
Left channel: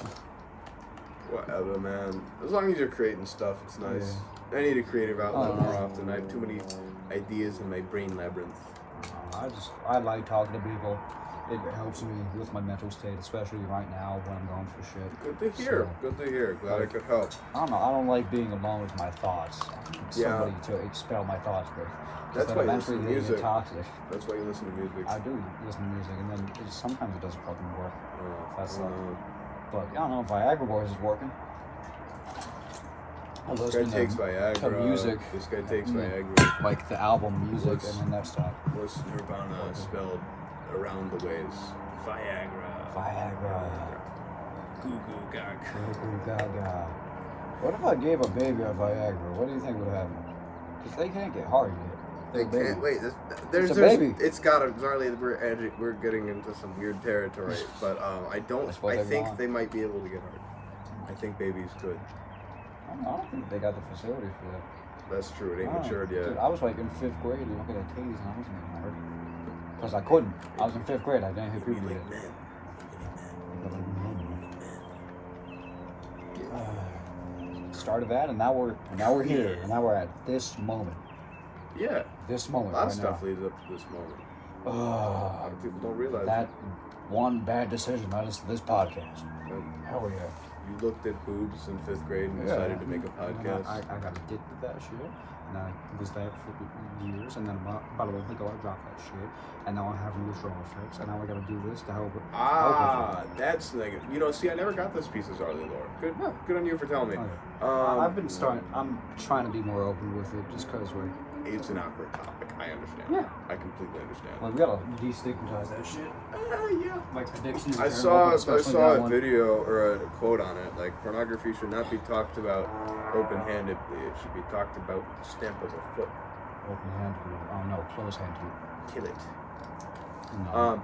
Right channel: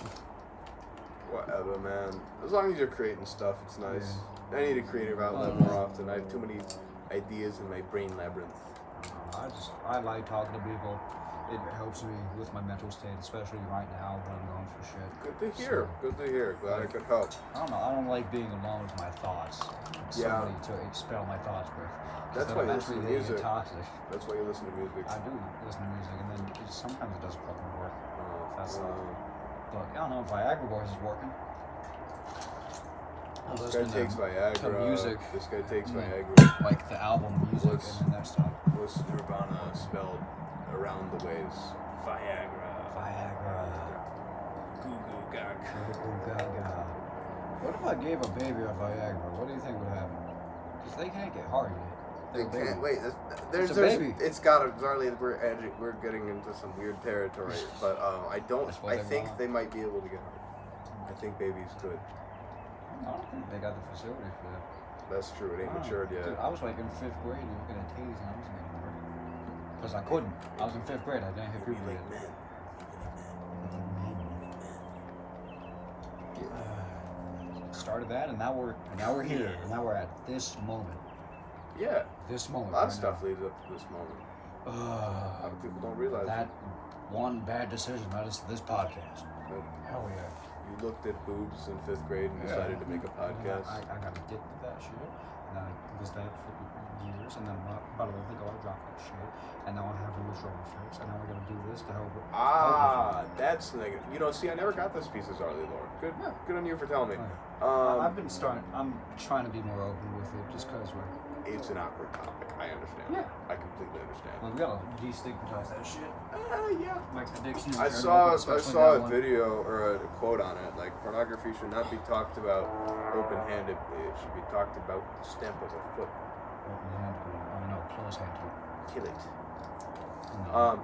Whatever, man. As long as you're creating stuff, it's nice. I need a creative outlet Oh. more often. I have too many ideas in my brain labyrinth. I like talking to people. It helps me with my mental state, especially right now when I'm going through shit. Good to hear. So, Good to hear. Glad I could help. I don't know. I don't like being alone with my thoughts. I need somebody to expel my thoughts with. Because That's then why you eventually listen to they get music. toxic. That's why you listen to music. I do listen to music, and then sometimes it doesn't fucking work. Oh, That's oh, like- no. But I don't know if Viagra Boys is working. I was This guy listening takes Viagra. to music, This guy takes Mm. Viagra. like the album music, What's- and then that stuff. What's Nirvana spelled around the ways? Viagra. Viagra. Goo goo gaga. Go go gaga. What if I gave a baby a Viagra? What do you think would happen? Because they can't get hard yet. They're a They baby. can't wait. There's a baby. It's got to. Sorry, we're getting into some weird territory, but I don't. That's what I they think want. they might be able to get hard. I think baby's good. I don't think they got the facilities for that. That's true. It ain't Wow. matured yet. Dude, I was like in 5th grade looking at titties and I wasn't getting hard. Because I couldn't. I was in 5th grade. I didn't hit puberty yet. Man. But like men. Started that and now we're here. And now we're at this moment. Yeah. This A moment lot of right stuff now. leads up to this moment. A lot of people don't realize That one bad decision led us to this podcast. Right. Hell yeah. You looked at boobs in 5th grade and Yeah. decided to make a And then podcast. I got addicted to that shit. And I was that for years. And then about a month ago, I dropped that shit. And now I'm having withdrawal effects. And now I gotta do this to help it. That's negative. You know, see, I never got this piece of Zarly lore. Good on you for telling me. Okay. I've been I'm trying to be more open with it just because, like, It's an awkward topic. I understand. Yeah. I completely understand. we gotta destigmatize that shit. Yeah. Like addiction in I general, saw especially a that one. video or a quote on it. Like, pornography should not be talked about open-handedly. It should be talked about with the stamp of a foot. Open-handedly. Oh no, close-handedly. Kill it. No.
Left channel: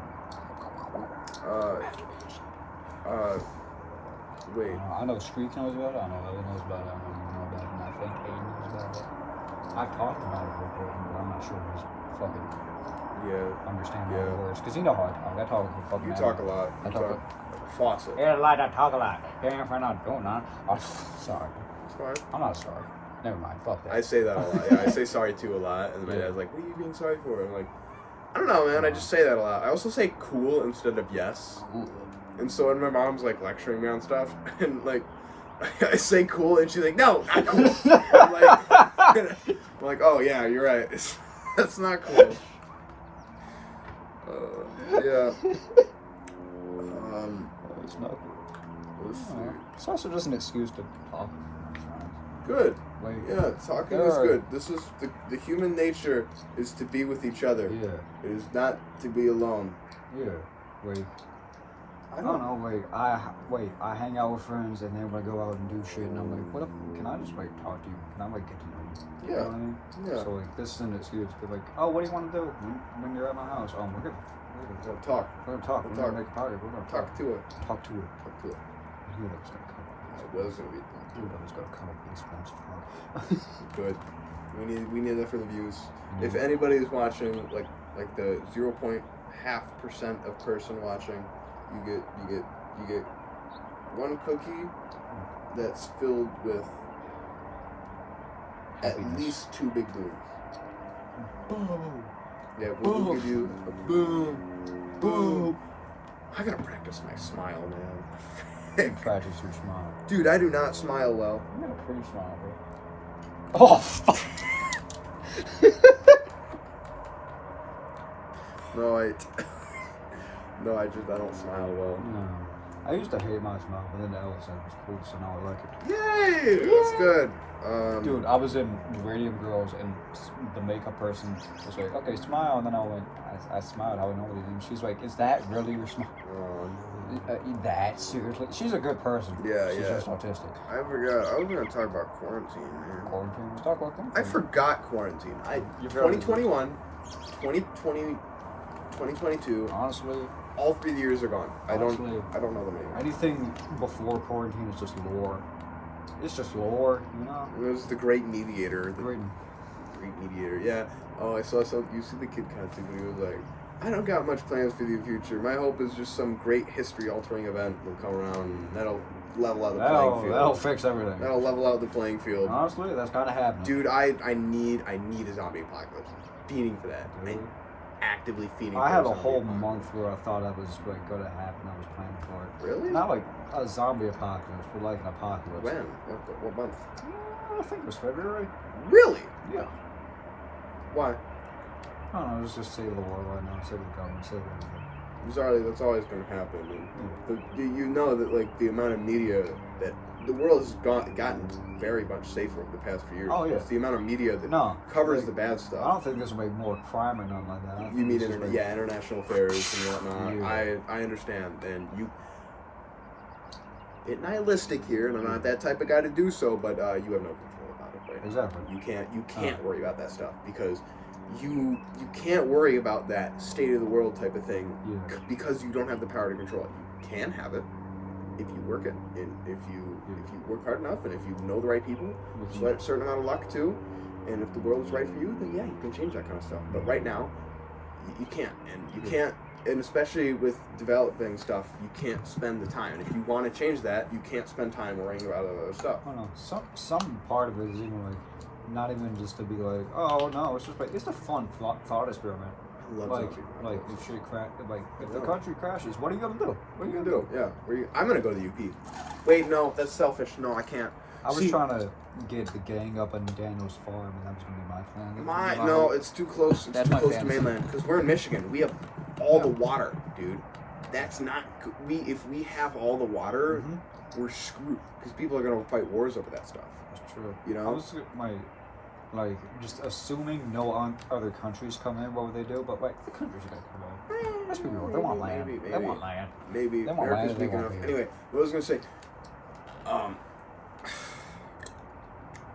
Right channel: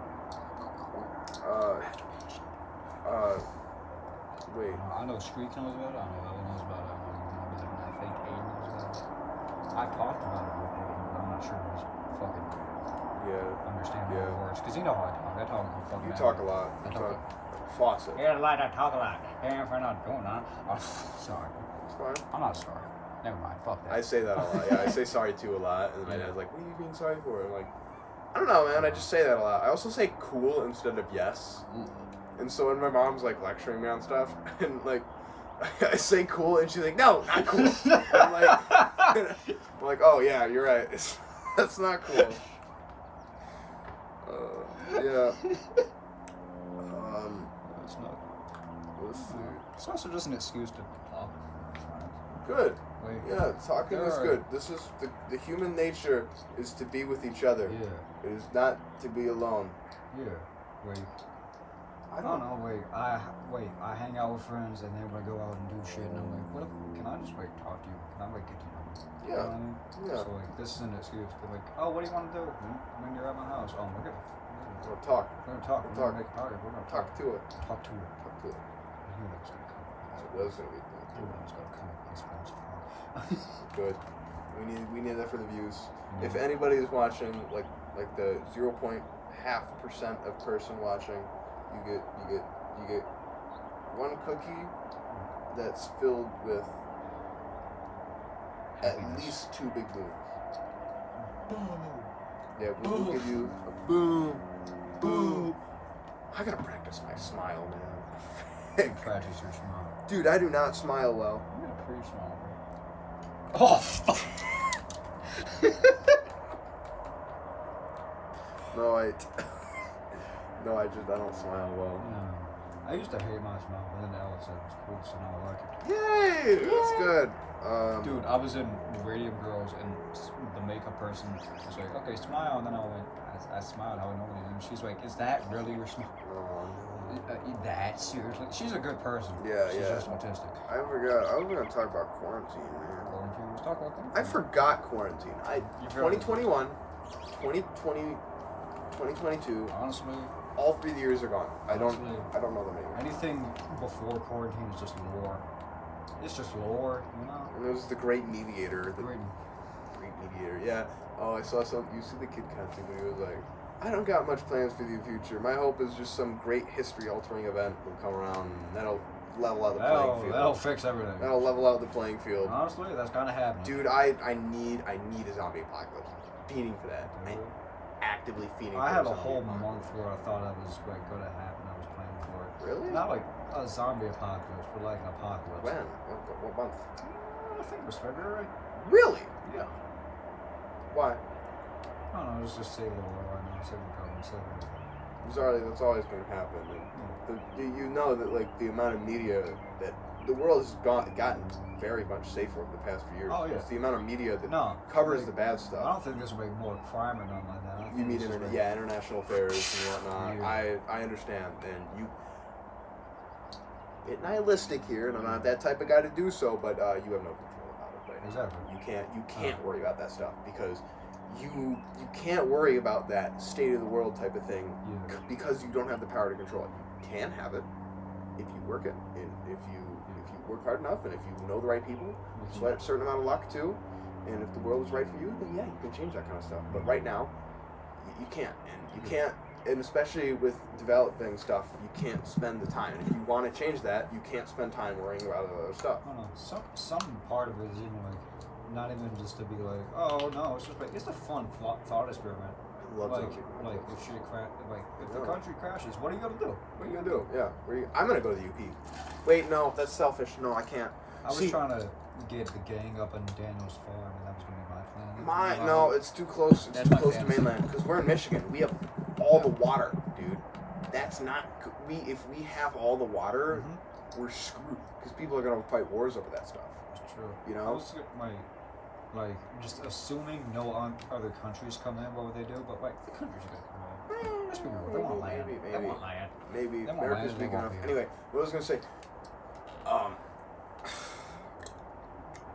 Wait. I know Streak knows about it. I know Ella knows about it. I know you know about it, and I think Aiden knows about it. I've talked about it with Aiden, but I'm not sure he's fucking Yeah. understand all the Yeah. words. Cause you know how I talk. I talk a fucking You mad talk a mouth. lot. I You talk talk like a faucet. Yeah, like I talk a lot. Damn, for not doing that. Oh, sorry. It's fine. I'm not sorry. Never mind. Fuck that. I say that a lot. Yeah, I say sorry too a lot, and my Yeah. dad's like, "What are you being sorry for?" I'm like, "I don't know, man. I just say that a lot." I also say "cool" instead of "yes," Cool. and so when my mom's like lecturing me on stuff, and like I say "cool," and she's like, "No, not cool." I'm like, "Oh yeah, you're right. That's not cool." Yeah. It's not. Let's see. It's also just an excuse to talk with my friends. Good. Like, Yeah, talking There is are- good. This is the human nature is to be with each other. yeah, It is not to be alone. yeah. Wait, I don't know. I hang out with friends and then we go out and do shit, and I'm like, what if? Can I just like talk to you? Can I like get to know you? You know Yeah. what I mean? Yeah. So like, this is an excuse to like, oh, what do you want to do when you're at my house? Oh, we're gonna Well, talk. we're gonna talk. We'll We're gonna talk. make a party. We're gonna Talk to it. Talk to it. Talk to it. I knew that was gonna come up. I was gonna read that. Dude, I was gonna come up with this one. Good. We need that for the views. Mhm. If anybody is watching, like the 0.5% of person watching, you get one cookie that's filled with Happiness. at least 2 big boons. Boom. Yeah, we will give you a boom, boom. I gotta practice my smile, man. Practice your smile. Dude, I do not smile well. You got a pretty smile, bro. Oh, fuck. No, I don't smile well. No. I used to hate my smile, but then Ella said it was cool, so now I like it. Yay! That's good. Dude, I was in Radium Girls, and the makeup person was like, okay, smile. And then I smiled how I normally do. And she's like, is that really your smile? Oh no. That seriously? She's a good person. Yeah, She's yeah. just autistic. I forgot. I was gonna talk about quarantine, man. Quarantine. Let's talk about quarantine. I forgot quarantine. You forgot it. 2021, 2020, 2022. Honestly, All 3 years are gone. I don't Honestly. know them anymore. anything before quarantine is just lore. It's just lore, you know? And there's the Great Mediator. The Great. Great Mediator. Yeah. Oh, I saw some. You see the Kid Content and he was like, I don't got much plans for the future. My hope is just some great history-altering event will come around and that'll level out the playing field. That'll fix everything. That'll level out the playing field. Honestly, that's kind of happening. Dude, I need a zombie apocalypse. I'm fiending for that. I'm actively fiending. I for have a zombie whole apocalypse. month where I thought that was like going to happen. I was planning for it. Really? Not like a zombie apocalypse, but like an apocalypse. When? What month? I think it was February. Really? Yeah. Why? I don't know. Let's just save the world right now. Save the government. Save everything. That's always going to happen. And you know that like the amount of media that the world has gotten very much safer over the past few years. Oh, yeah. It's the amount of media that No, covers like, the bad I stuff. don't think there's gonna be more crime or nothing like that. I don't You think mean it's just like, international affairs and whatnot. Yeah. I understand, and you. It's nihilistic here, and I'm not that type of guy to do so, but you have no control about it. Right? Exactly. You can't worry about that stuff because you can't worry about that state of the world type of thing Yeah. because you don't have the power to control it. You can have it if you work it, and if you work hard enough, and if you know the right people, a certain amount of luck too, and if the world is right for you, then yeah, you can change that kind of stuff. But right now, you can't, and you can't, and especially with developing stuff, you can't spend the time. And if you want to change that, you can't spend time worrying about other stuff. I don't know. Some part of it is even like, not even just to be like, oh no, it's just like it's a fun thought experiment. I love Like, zombie like apocalypse. if shit crack, like if the Yeah. country crashes, what are you gonna do? What are you gonna do? Yeah, I'm gonna go to the UP. Wait, no, that's selfish. No, I can't. I was See- trying to get the gang up on Daniel's farm, and that was gonna be my plan. No, it's too close. It's That's too my close to fantasy. mainland because we're in Michigan. We have all the water, dude. That's not good. If we have all the water, Mhm. we're screwed because people are gonna fight wars over that stuff. That's true. You know? I was like just assuming no other countries come in, what would they do? But like the countries are gonna come in. Let's be real. They want land. Maybe. They want land. Maybe They want America's land, they big want enough. beer. Anyway, what I was gonna say.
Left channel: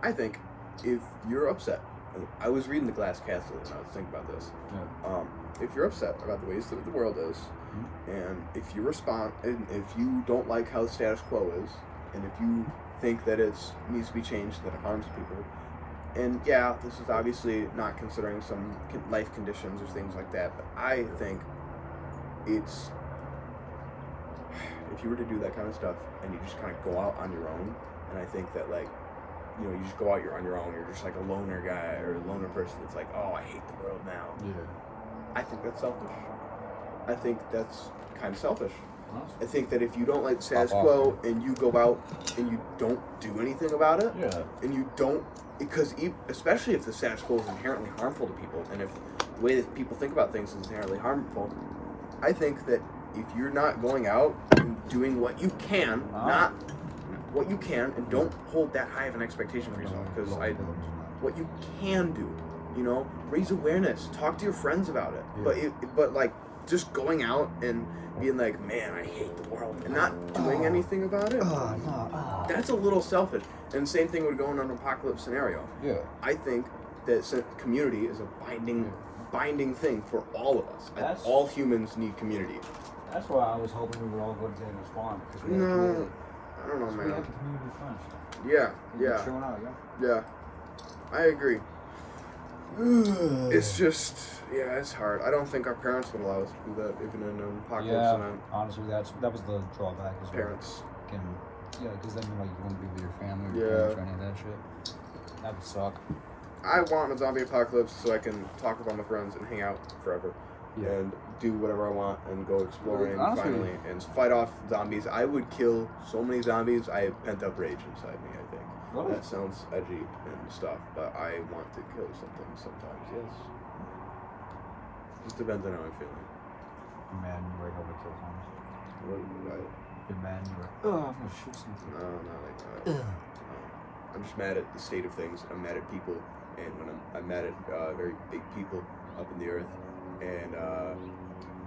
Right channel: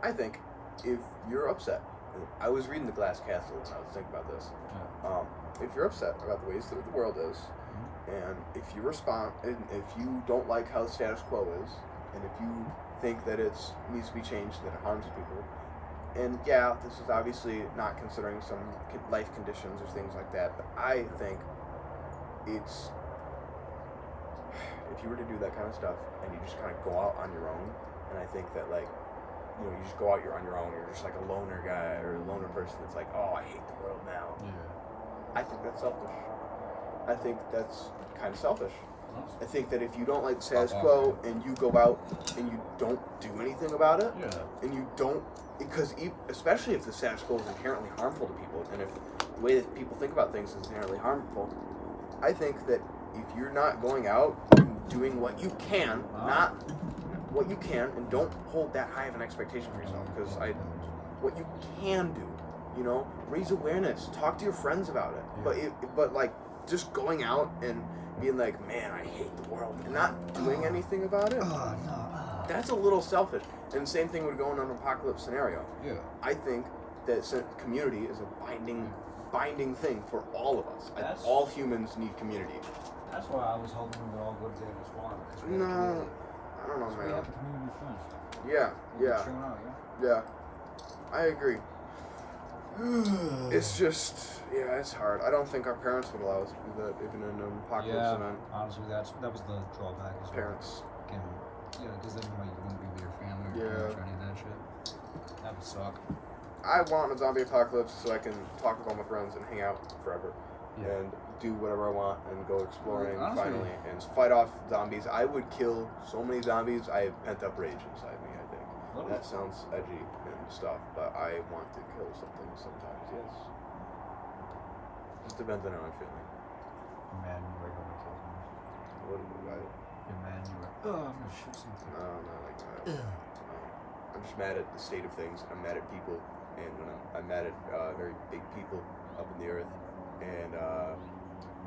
I think if you're upset, and I was reading The Glass Castle and I was thinking about this. Yeah. If you're upset about the ways that the world is, and if you and if you don't like how the status quo is, and if you think that it needs to be changed, that it harms people, and yeah, this is obviously not considering some life conditions or things like that, but I think it's, if you were to do that kind of stuff and you just kind of go out on your own, and I think that like, you know, you just go out on your own, you're just like a loner guy or a loner person that's like, oh, I hate the world now. Yeah. I think that's selfish. I think that's kind of selfish. Honestly. I think that if you don't like the status Pop off, quo and you go out and you don't do anything about it, Yeah. and you don't, because especially if the status quo is inherently harmful to people, and if the way that people think about things is inherently harmful, I think that if you're not going out and doing what you can, not what you can, and don't hold that high of an expectation for yourself, because what you can do, you know, raise awareness, talk to your friends about it, Yeah. but like just going out and being like, man, I hate the world, and not doing anything about it, that's a little selfish. And same thing would go in an apocalypse scenario. Yeah. I think that community is a binding thing for all of us. And That's- all humans need community. That's why I was hoping we would all go to Daniel's farm because we had No, community. I don't know, We man. have community friends. Yeah, We yeah, chilling out, yeah. yeah. I agree. It's just, yeah, it's hard. I don't think our parents would allow us to do that, even in an apocalypse. Yeah, And honestly, that was the drawback. Is parents. because then like you wouldn't be with your family, or Yeah. your parents, or any of that shit. That would suck. I want a zombie apocalypse so I can talk with all my friends and hang out forever. And do whatever I want and go exploring Honestly. finally and fight off zombies. I would kill so many zombies. I have pent up rage inside me, I think. Really? That sounds edgy and stuff, but I want to kill something sometimes, yes. Just depends on how I'm feeling. Man, you right over kill homes. I wouldn't do that. The man, you were. Oh, I'm gonna shoot something. No, not like that. No. I'm just mad at the state of things. I'm mad at people, and when I'm mad at very big people up in the earth, and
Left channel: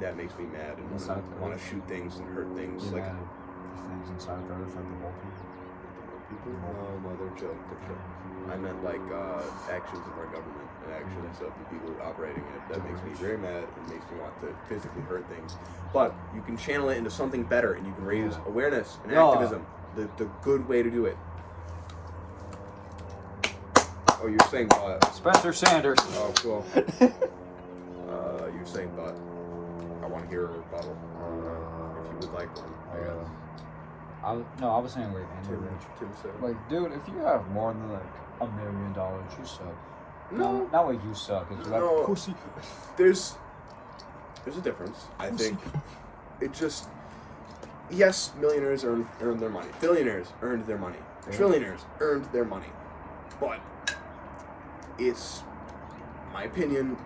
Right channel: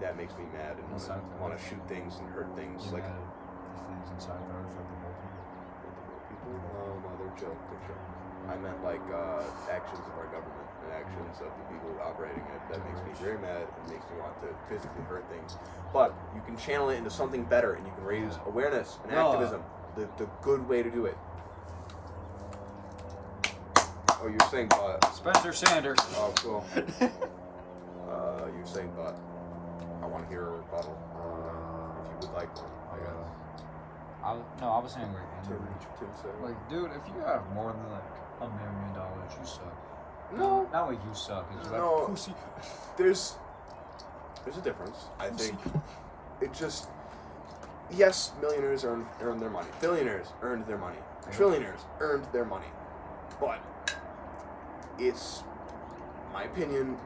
that makes me mad and Inside the want to earth? shoot things and hurt things. You Like mad at the things inside the earth, like the mole people. people? No, they're chill. They're chill. I meant like actions of our government and actions of the people operating it. That makes me very mad and makes me want to physically hurt things. But you can channel it into something better, and you can raise awareness and Yeah. activism. The good way to do it. Oh, you're saying but. Spencer Sanders. Oh, cool. You're saying but. I want to hear a rebuttal. If you would like one. I guess. I was saying like Andrew Tim, Rich. Tim said. Like, dude, if you have more than like $1 million, you suck. No. Not like you suck. It's like No. pussy. There's a difference. I think it just, yes, millionaires earned their money. Billionaires earned their money. Yeah. Trillionaires earned their money. But it's my opinion,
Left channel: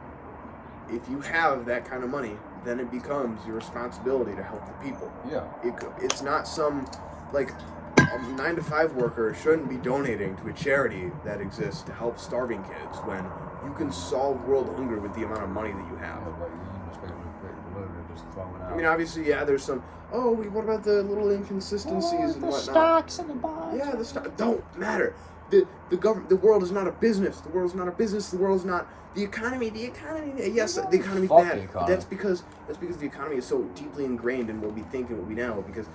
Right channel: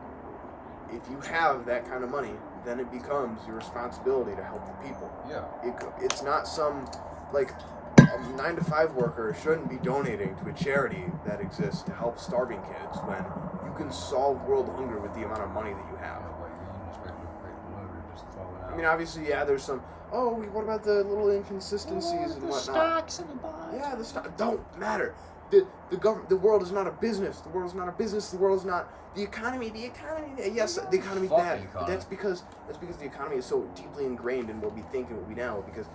if you have that kind of money, then it becomes your responsibility to help the people. Yeah. It's not some, like, a 9-to-5 worker shouldn't be donating to a charity that exists to help starving kids when you can solve world hunger with the amount of money that you have. Yeah, like you just literally just throw it out. I mean, obviously, yeah, there's some. Oh, what about the little inconsistencies and the whatnot? stocks and the bonds. Yeah, the stock don't matter. The government, the world is not a business. The world is not a business. The world is not the economy. The economy. Yes, the economy's Fuck bad. the But that's because the economy is so deeply ingrained in what we think and what we know. Because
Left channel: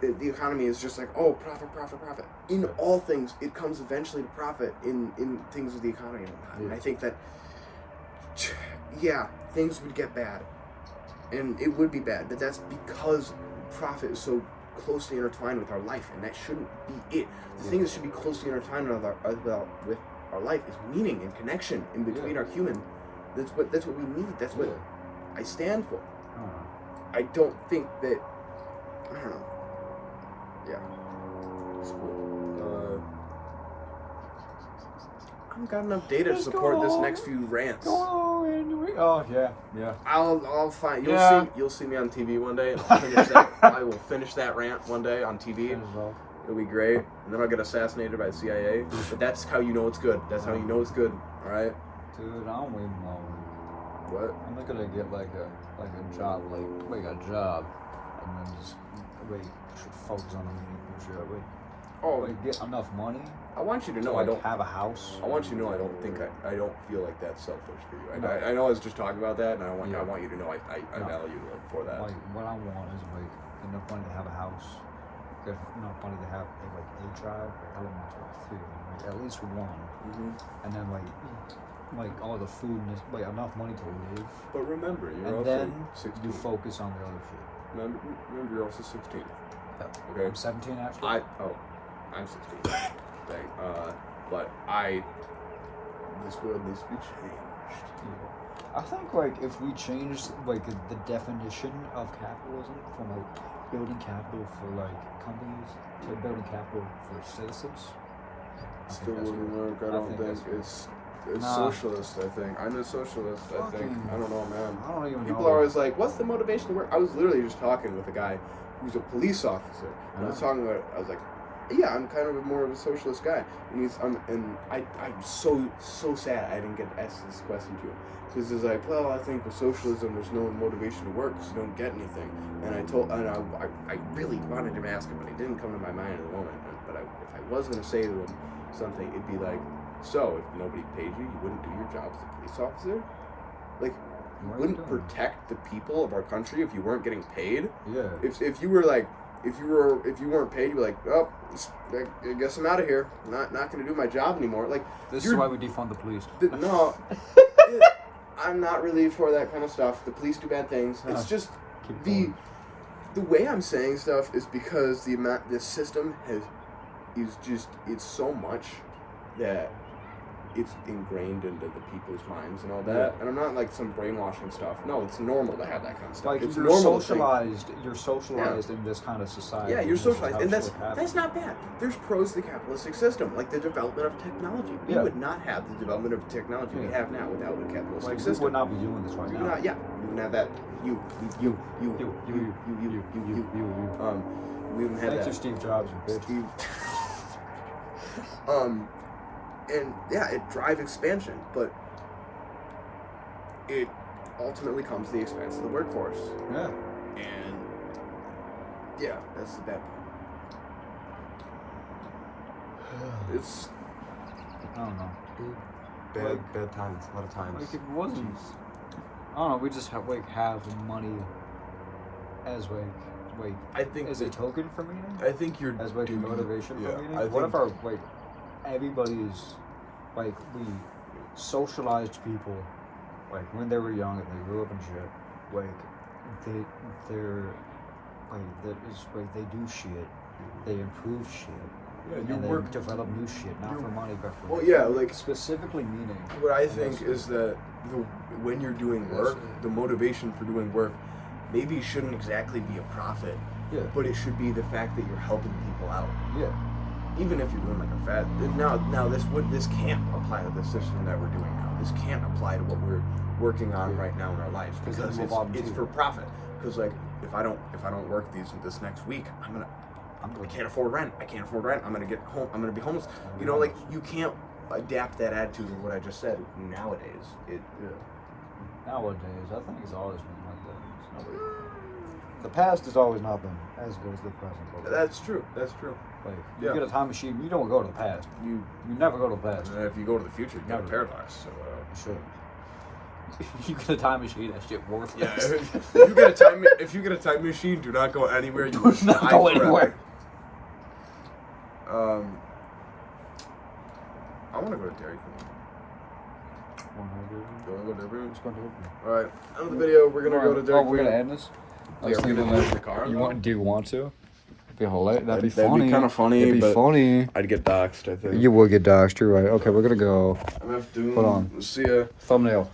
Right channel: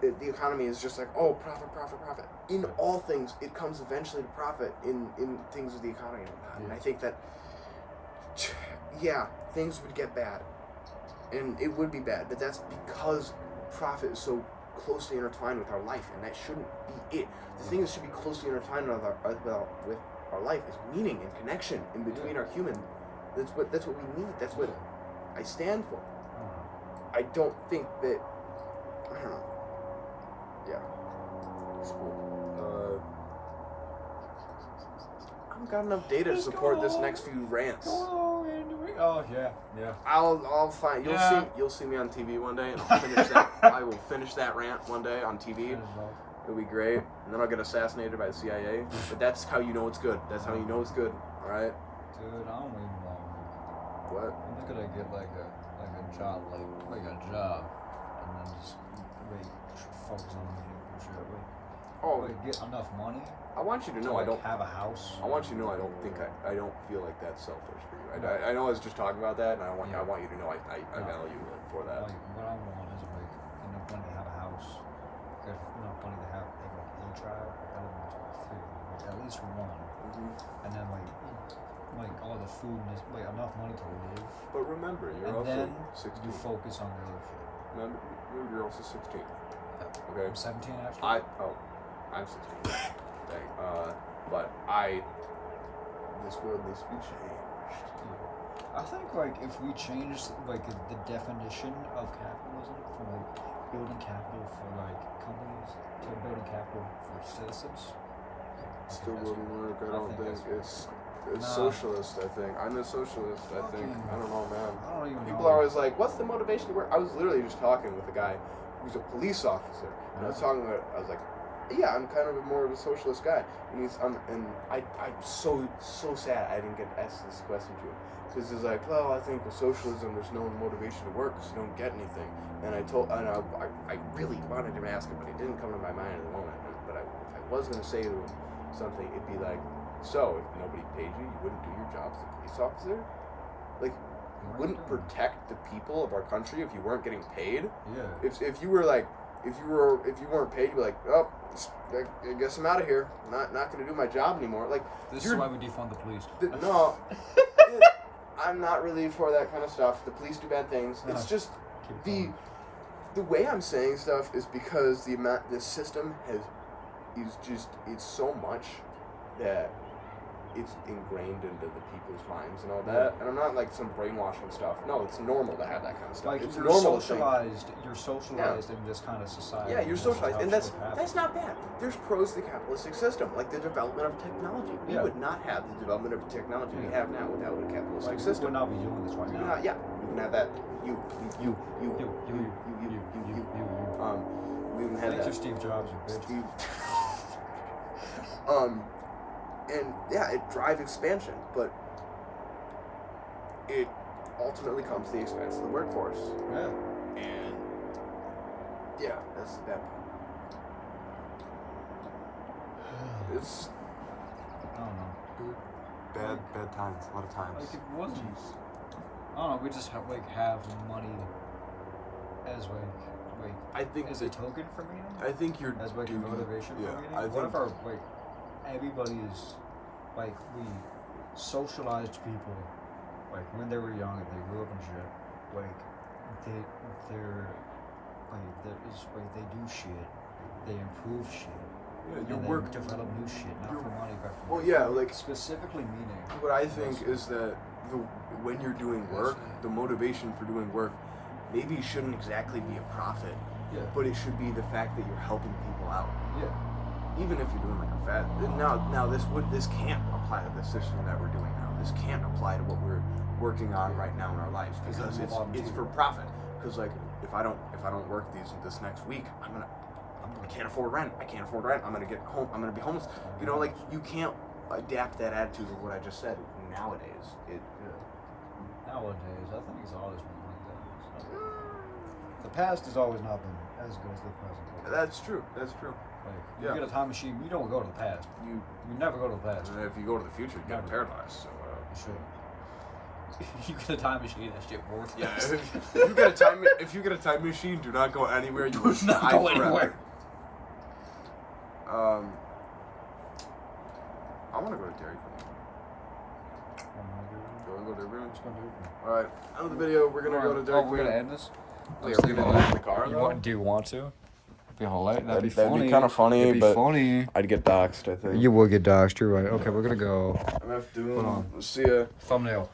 the economy is just like, oh, profit, profit, profit. In all things, it comes eventually to profit in things of the economy and whatnot. And I think that, yeah, things would get bad, and it would be bad. But that's because profit is so closely intertwined with our life, and that shouldn't be it. The thing that should be closely intertwined with our life is meaning and connection in between our human. That's what we need. That's what I stand for. I don't think that. I don't know. Yeah. It's cool. I've got enough data to support this next few rants. Oh yeah. I'll find. Yeah. You'll see me on TV one day, and I'll finish that. I will finish that rant one day on TV. It'll be great, and then I'll get assassinated by the CIA. But that's how you know it's good. That's how you know it's good. All right. Dude, I don't even want one. What? I'm not gonna get like a job, like a job, and then just focus on the main shit. Oh, Get enough money. I want you to know to, I don't have a house. I want you to know I don't feel like that's selfish for you. No. I know I was just talking about that, and I want you to know I No. value you for that. Like what I want is enough money to have a house. There's enough money to have a child. I don't want 3 of them. At least one. Mm-hmm. And then all the food and enough money to live. But remember, you're And also then 16. you focus on the other shit. Remember, you're also 16. Yeah. Okay. I'm 17 actually. I'm 16. Dang. But this world needs to be changed. I think if we change the definition of capitalism from building capital for companies to building capital for citizens. I Still think that's wouldn't good. work. I don't think that's it's Nah. socialist. I think I'm a socialist. I think Fucking- I don't know, man. I don't even People know. are always like, "What's the motivation to work?" I was literally just talking with a guy who's a police officer, and I was talking about. I was like, "Yeah, I'm kind of more of a socialist guy," and I'm so sad I didn't get asked this question to him because he's like, "Well, I think with socialism, there's no motivation to work because you don't get anything." And I really wanted him to ask him, but it didn't come to my mind at the moment. But if I was going to say to him something, it'd be like, "So, if nobody paid you, you wouldn't do your job as a police officer? Like, you What are you wouldn't doing? protect the people of our country if you weren't getting paid? Yeah. If you weren't paid, you're like, oh, I guess I'm out of here. Not going to do my job anymore." Like, This is why we defund the police. no, I'm not really for that kind of stuff. The police do bad things. It's just Keep the going. the way I'm saying stuff is because the system it's so much that it's ingrained into the people's minds and all that. And I'm not like some brainwashing stuff. No, it's normal to have that kind of stuff. It's you're normal. socialized in this kind of society. Yeah, you're This is socialized, how and shit happens. that's not bad. There's pros to the capitalistic system, like the development of technology. We Yeah. would not have the development of technology we have now without a capitalistic We system. would not be doing this right We now. would not- yeah, we wouldn't have that. You. You. We wouldn't have Thank that. you, Steve Jobs, you bitch. Steve. And yeah, it drives expansion, but it ultimately comes at the expense of the workforce. Yeah. And yeah, that's the bad part. It's I don't know. Bad times. A lot of times. It wasn't. I don't know. We just have money as I think as a token for meaning. I think you're As a motivation yeah, for meaning. I What think- if our everybody's we socialized people when they were young and they grew up and shit they do shit, they improve shit. Yeah, And your they work. develop new shit, not for money, but for Well, yeah, like specifically meaning. what I think is that when you're doing work, the motivation for doing work maybe shouldn't exactly be a profit, Yeah. but it should be the fact that you're helping people out. Yeah. Even if you're doing like a fat. Now this can't apply to the system that we're doing now. This can't apply to what we're working on right now in our lives because move on it's to- for profit. Because like if I don't work this next week, I'm I can't afford rent. I can't afford rent. I'm gonna get home. I'm gonna be homeless. You know, like you can't adapt that attitude of what I just said nowadays. Nowadays, I think it's always been like that. The past has always not been as good as the present. But That's true. That's true. like, Yeah. you get a time machine, you don't go to the past. You never go to the past. And if you go to the future, you get Never. paradise. So. Sure. You get a time machine, that shit Yeah, worthless. if you get a time machine, do not go anywhere. You Do will not die go forever. anywhere. I want to go to Dairy Queen. You want to go to Dairy Queen? All right. End of the video. We're gonna go to Dairy Oh, Queen. we're gonna end this. I was Yeah, we're thinking, gonna like, end the car. do you want to? Be hilarious. That'd be That'd funny. be kinda funny, It'd be but- funny. I'd get doxxed, I think. You will get doxxed. You're right. Okay, we're gonna go. MF Doom. Hold on. See ya. Thumbnail.